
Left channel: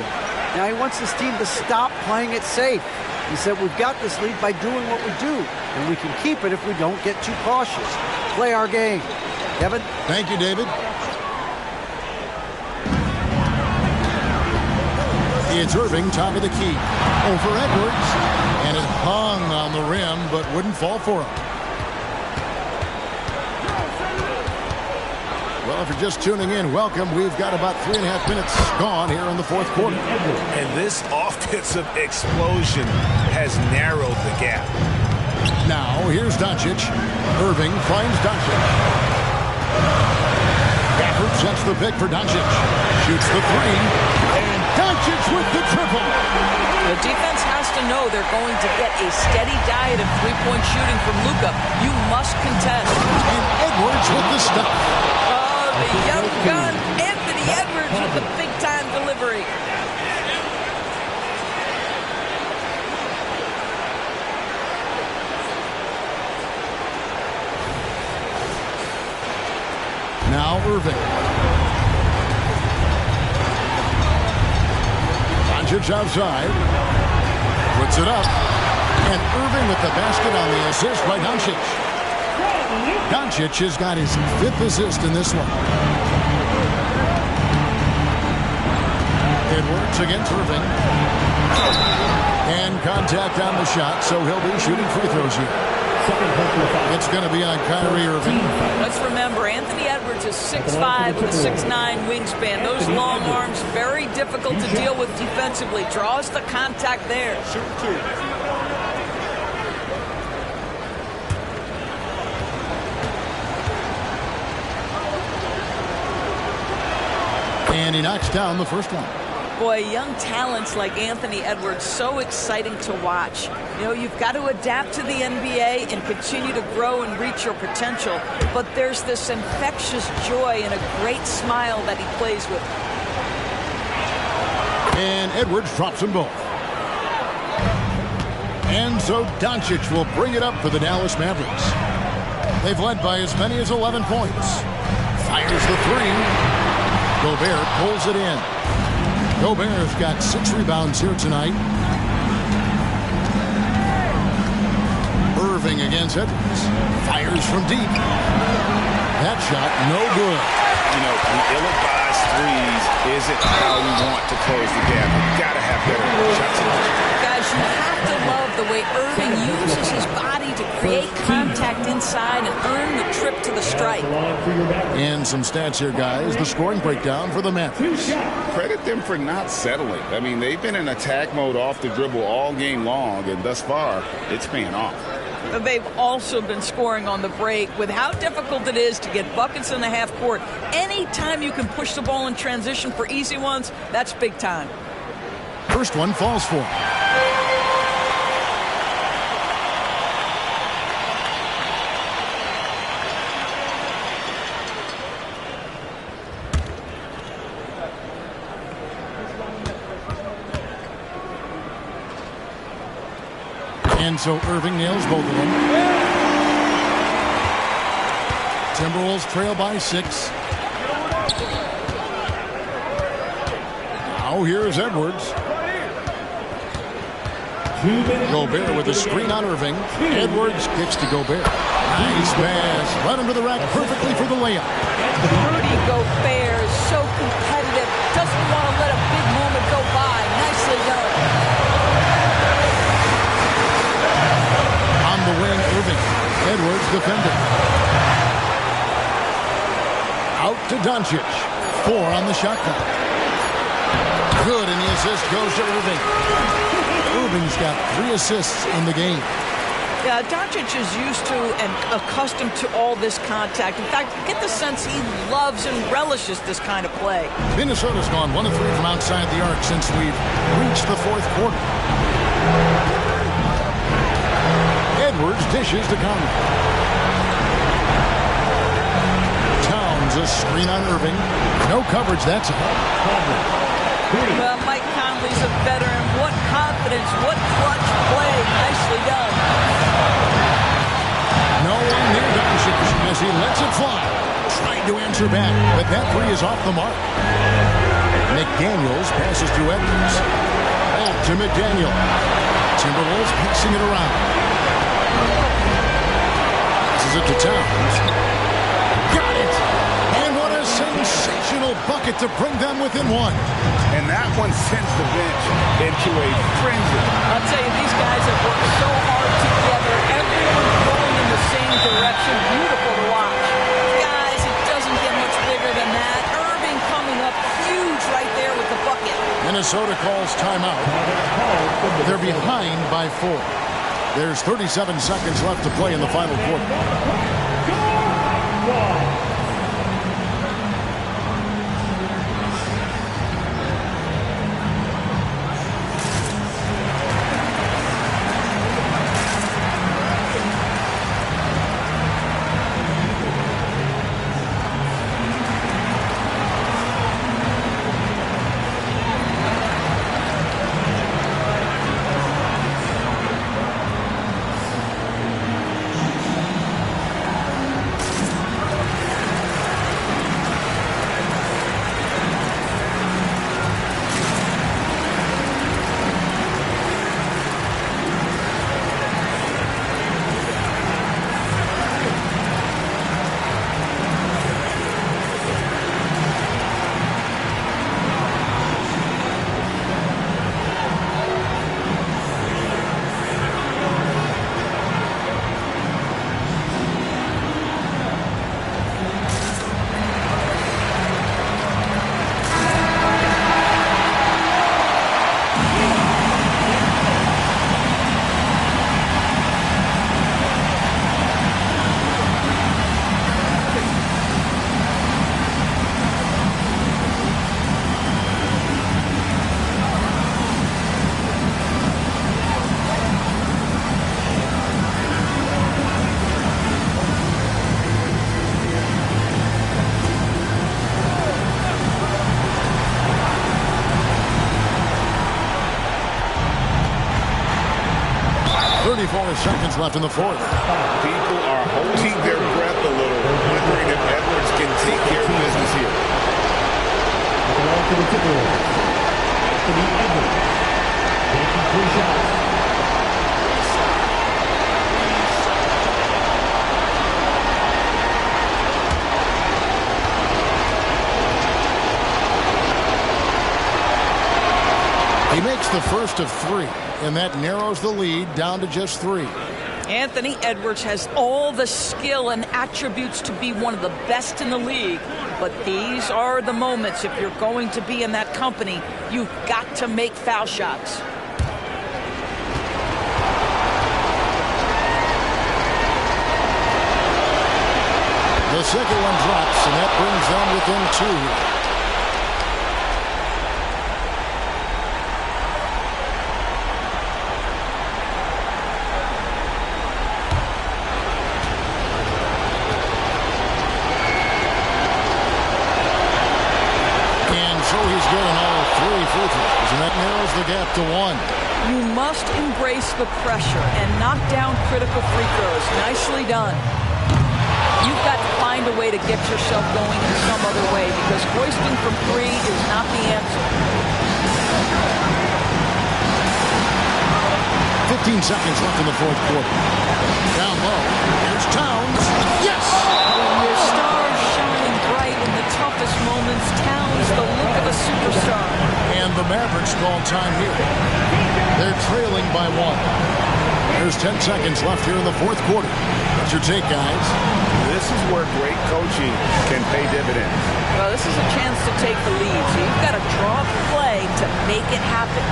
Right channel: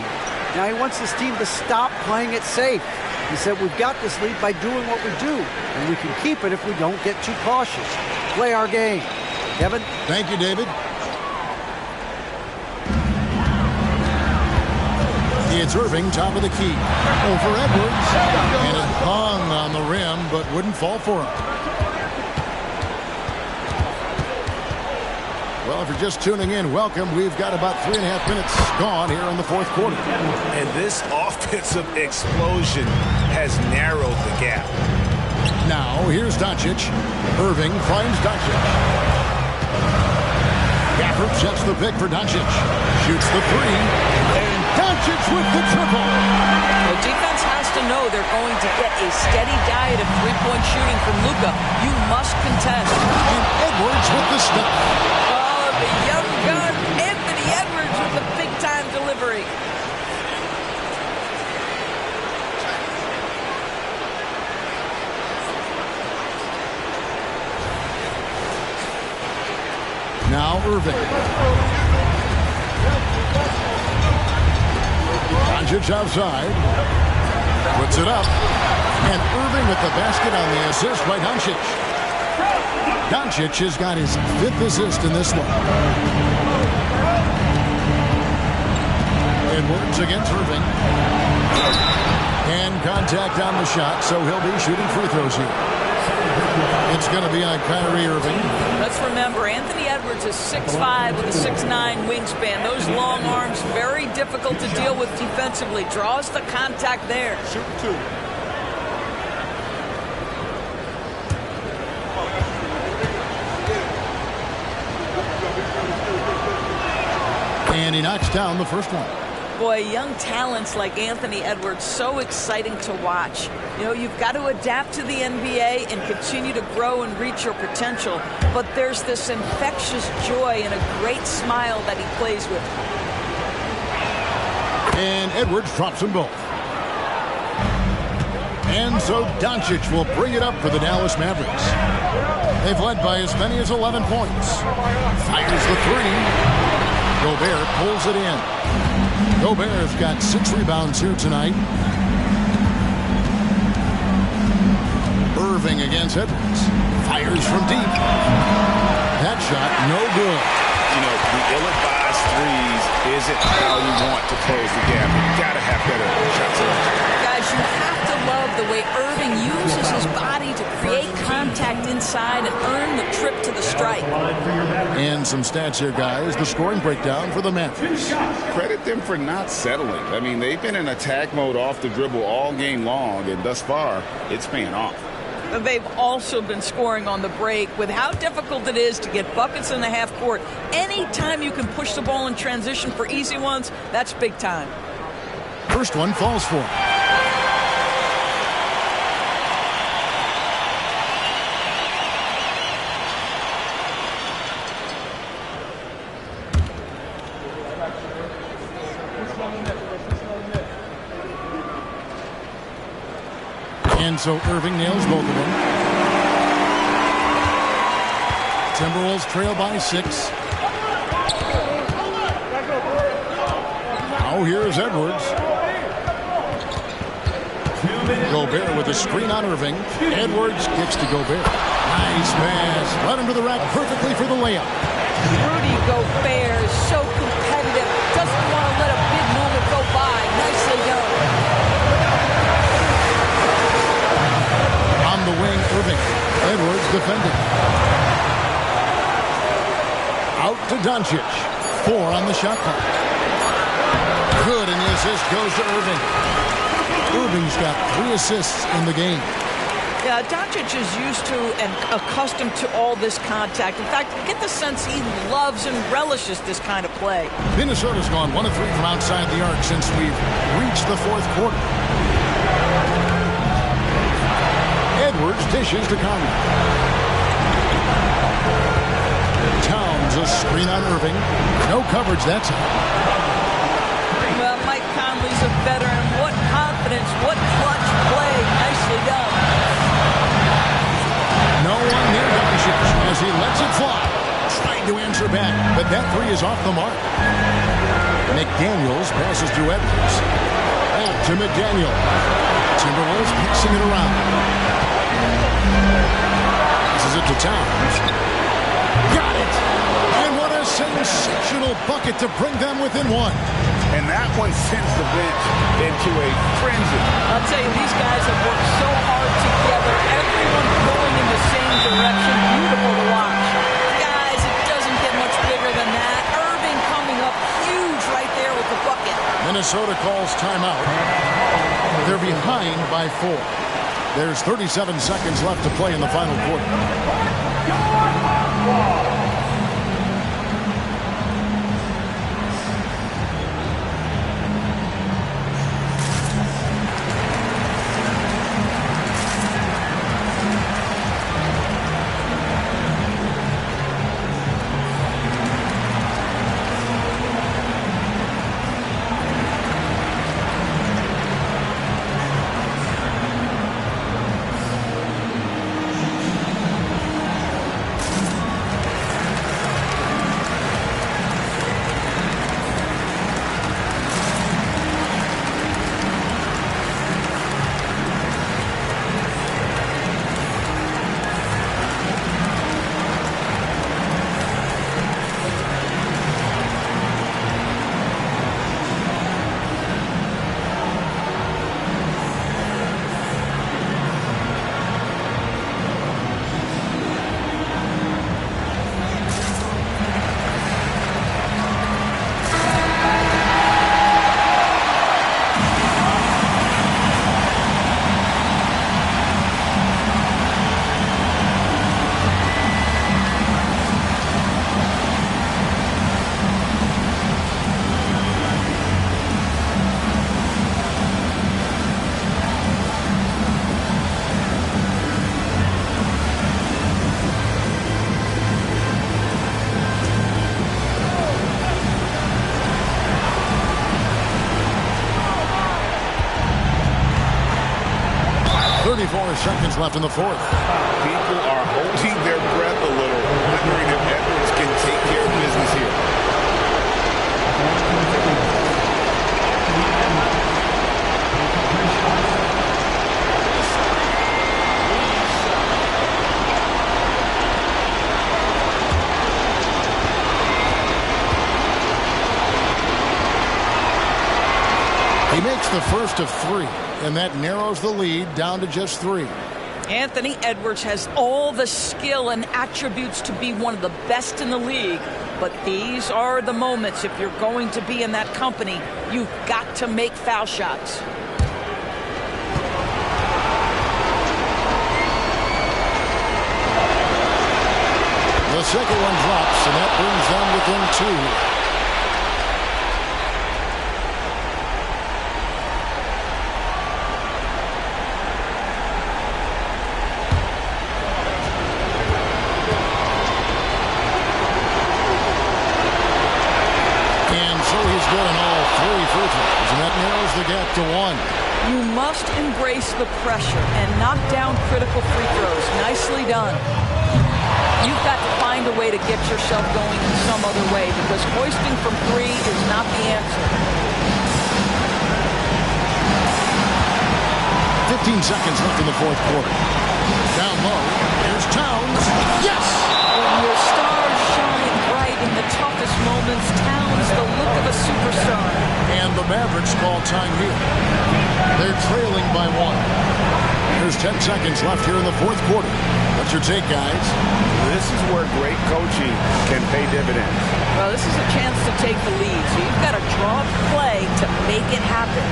Now, he wants his team to stop playing it safe. He said, we've got this lead by doing what we do, and we can keep it if we don't get too cautious. Play our game. Kevin? Thank you, David. It's Irving, top of the key. Over Edwards. And it hung on the rim, but wouldn't fall for him. Well, if you're just tuning in, welcome. We've got about 3.5 minutes gone here in the fourth quarter. And this offensive explosion has narrowed the gap. Now, here's Doncic. Irving finds Doncic. Gafford sets the pick for Doncic. Shoots the three. And Doncic with the triple. The defense has to know they're going to get a steady diet of three-point shooting from Luka. You must contest. And Edwards with the stuff. The young gun, Anthony Edwards, with the big-time delivery. Now Irving. Doncic outside. Puts it up. And Irving with the basket on the assist by Doncic. Doncic has got his 5th assist in this one. Edwards against Irving. And contact on the shot, so he'll be shooting free throws here. It's going to be on Kyrie Irving. Let's remember, Anthony Edwards is 6'5" with a 6'9" wingspan. Those long arms, very difficult to deal with defensively. Draws the contact there. Shoot two. And he knocks down the first one. Boy, young talents like Anthony Edwards, so exciting to watch. You know, you've got to adapt to the NBA and continue to grow and reach your potential. But there's this infectious joy and a great smile that he plays with. And Edwards drops them both. And so Doncic will bring it up for the Dallas Mavericks. They've led by as many as 11 points. Fires the three. Gobert pulls it in. Gobert's got 6 rebounds here tonight. Irving against Edwards. Fires from deep. That shot no good. You know, the ill-advised threes isn't how you want to close the gap. You've got to have better shot selection. Guys, you have to love the way Irving uses his body to create contact inside and earn the trip to the strike. And some stats here, guys. The scoring breakdown for the Mavericks. Credit them for not settling. I mean, they've been in attack mode off the dribble all game long, and thus far, it's paying off. They've also been scoring on the break with how difficult it is to get buckets in the half court. Anytime you can push the ball in transition for easy ones, that's big time. First one falls for him. And so Irving nails both of them. Timberwolves trail by 6. Now here's Edwards. Gobert with a screen on Irving. Edwards kicks to Gobert. Nice pass. Led him to the rack perfectly for the layup. Rudy Gobert is so competitive. Doesn't want to let a big moment go by. Nicely done. On the wing, Irving. Edwards defending. Out to Doncic. 4 on the shot clock. Good, and the assist goes to Irving. Irving's got 3 assists in the game. Yeah, Doncic is used to and accustomed to all this contact. In fact, you get the sense he loves and relishes this kind of play. Minnesota's gone 1 of 3 from outside the arc since we've reached the fourth quarter. Edwards dishes to Conley. Towns Runs a screen on Irving. No coverage that time. Well, Mike Conley's a veteran. What confidence, what clutch play. Nicely done. No one near Doncic as he lets it fly. Tried to answer back, but that three is off the mark. McDaniels passes to Edwards. Back to McDaniel. Timberwolves passing it around. Passes it to Towns. Got it! And what a sensational bucket to bring them within one. And that one sends the bench into a frenzy. I'll tell you, these guys have worked so hard together. Everyone pulling in the same direction. Beautiful to watch. Guys, it doesn't get much bigger than that. Irving coming up huge right there with the bucket. Minnesota calls timeout. They're behind by 4. There's 37 seconds left to play in the final quarter. Seconds left in the fourth. People are holding their breath a little, wondering if Edwards can take care of business here. He makes the first of 3, and that narrows the lead down to just 3. Anthony Edwards has all the skill and attributes to be one of the best in the league. But these are the moments, if you're going to be in that company, you've got to make foul shots. The second one drops, and that brings them within 2. So he's good on all 3 free throws, and that narrows the gap to 1. You must embrace the pressure and knock down critical free throws. Nicely done. You've got to find a way to get yourself going in some other way, because hoisting from 3 is not the answer. 15 seconds left in the fourth quarter. Down low, here's Towns. Yes! When your stars shine bright in the toughest moments, Towns, the look of a superstar. And the Mavericks call time here. They're trailing by 1. There's 10 seconds left here in the fourth quarter. What's your take, guys? This is where great coaching can pay dividends. Well, this is a chance to take the lead, so you've got to draw up play to make it happen.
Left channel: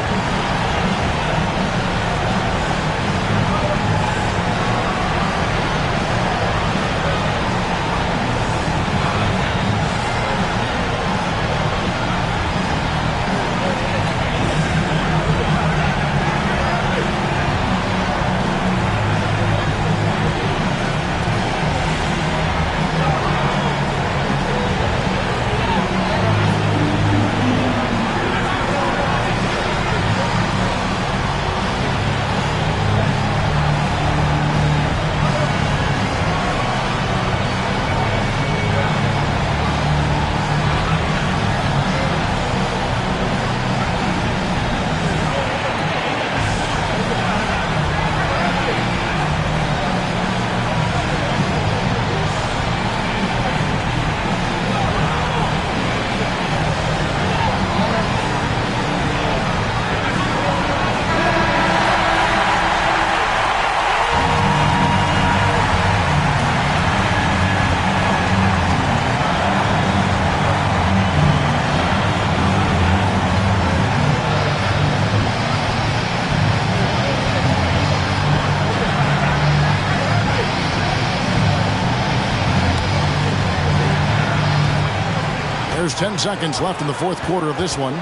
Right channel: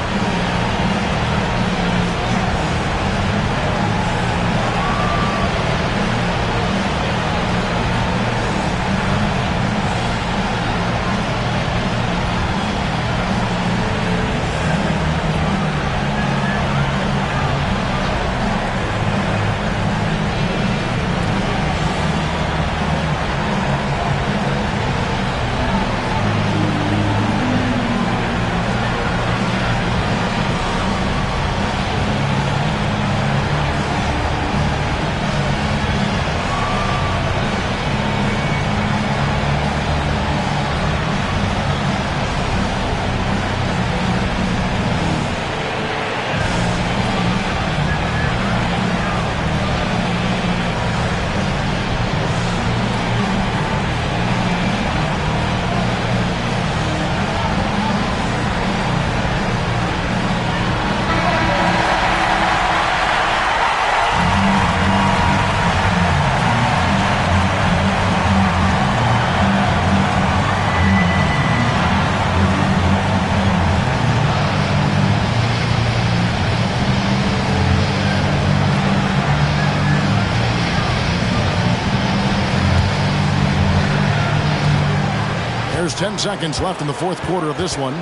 There's 10 seconds left in the fourth quarter of this one.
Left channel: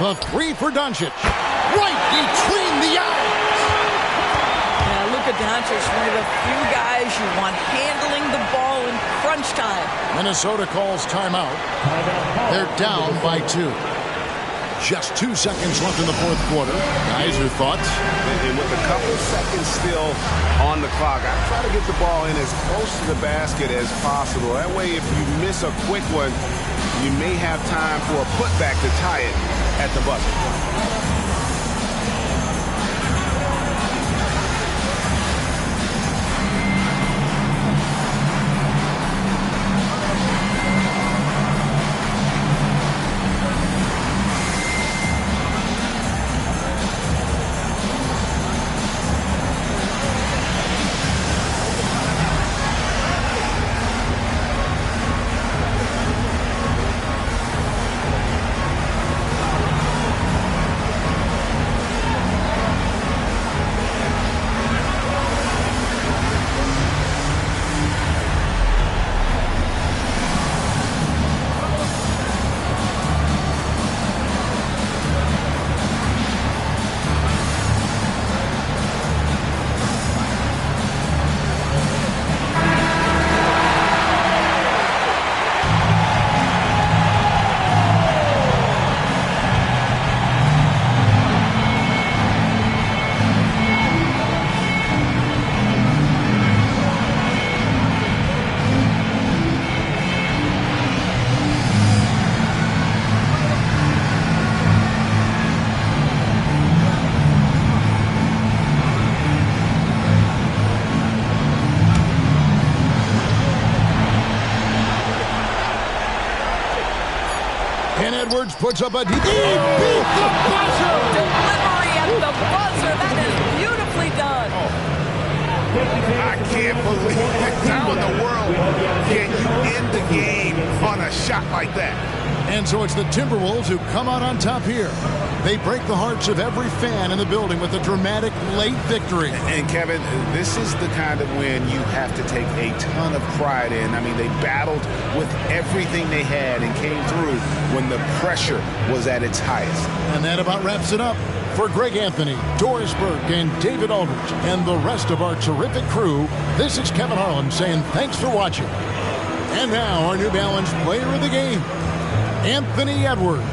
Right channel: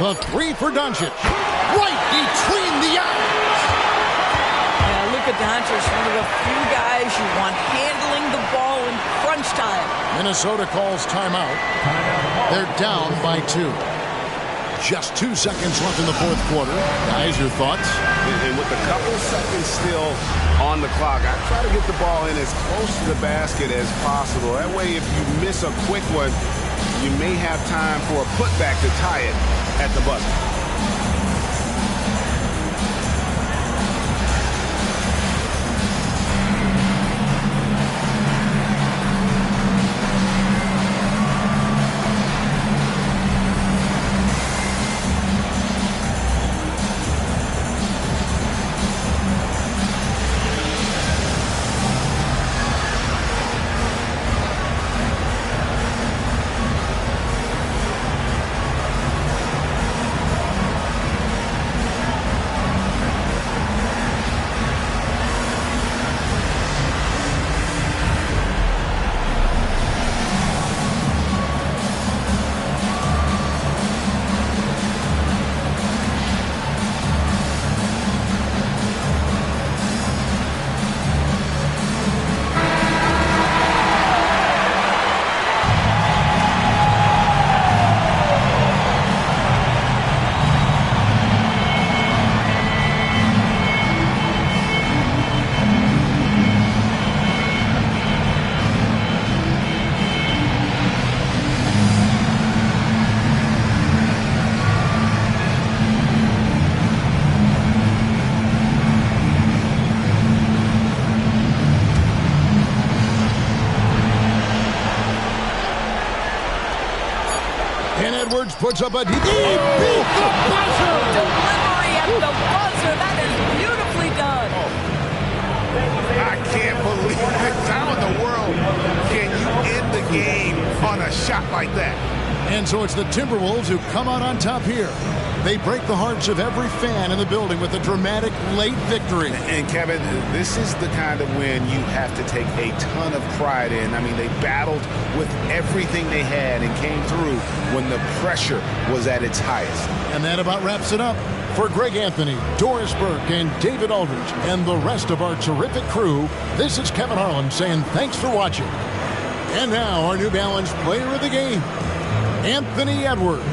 The three for Doncic. Right between the eyes. Yeah, Luka Doncic, one of the few guys you want handling the ball in crunch time. Minnesota calls timeout. They're down by 2. Just 2 seconds left in the fourth quarter. Guys, your thoughts? And with a couple seconds still on the clock, I try to get the ball in as close to the basket as possible. That way, if you miss a quick one, you may have time for a putback to tie it at the buzzer. Edwards puts up a deep. He beat the buzzer. Delivery at the buzzer. That is beautifully done. Oh. I can't believe it. How in the world can you end the game on a shot like that? And so it's the Timberwolves who come out on top here. They break the hearts of every fan in the building with a dramatic late victory. And Kevin, this is the kind of win you have to take a ton of pride in. I mean, they battled with everything they had and came through when the pressure was at its highest. And that about wraps it up. For Greg Anthony, Doris Burke, and David Aldridge, and the rest of our terrific crew, this is Kevin Harlan saying thanks for watching. And now our New Balance player of the game, Anthony Edwards.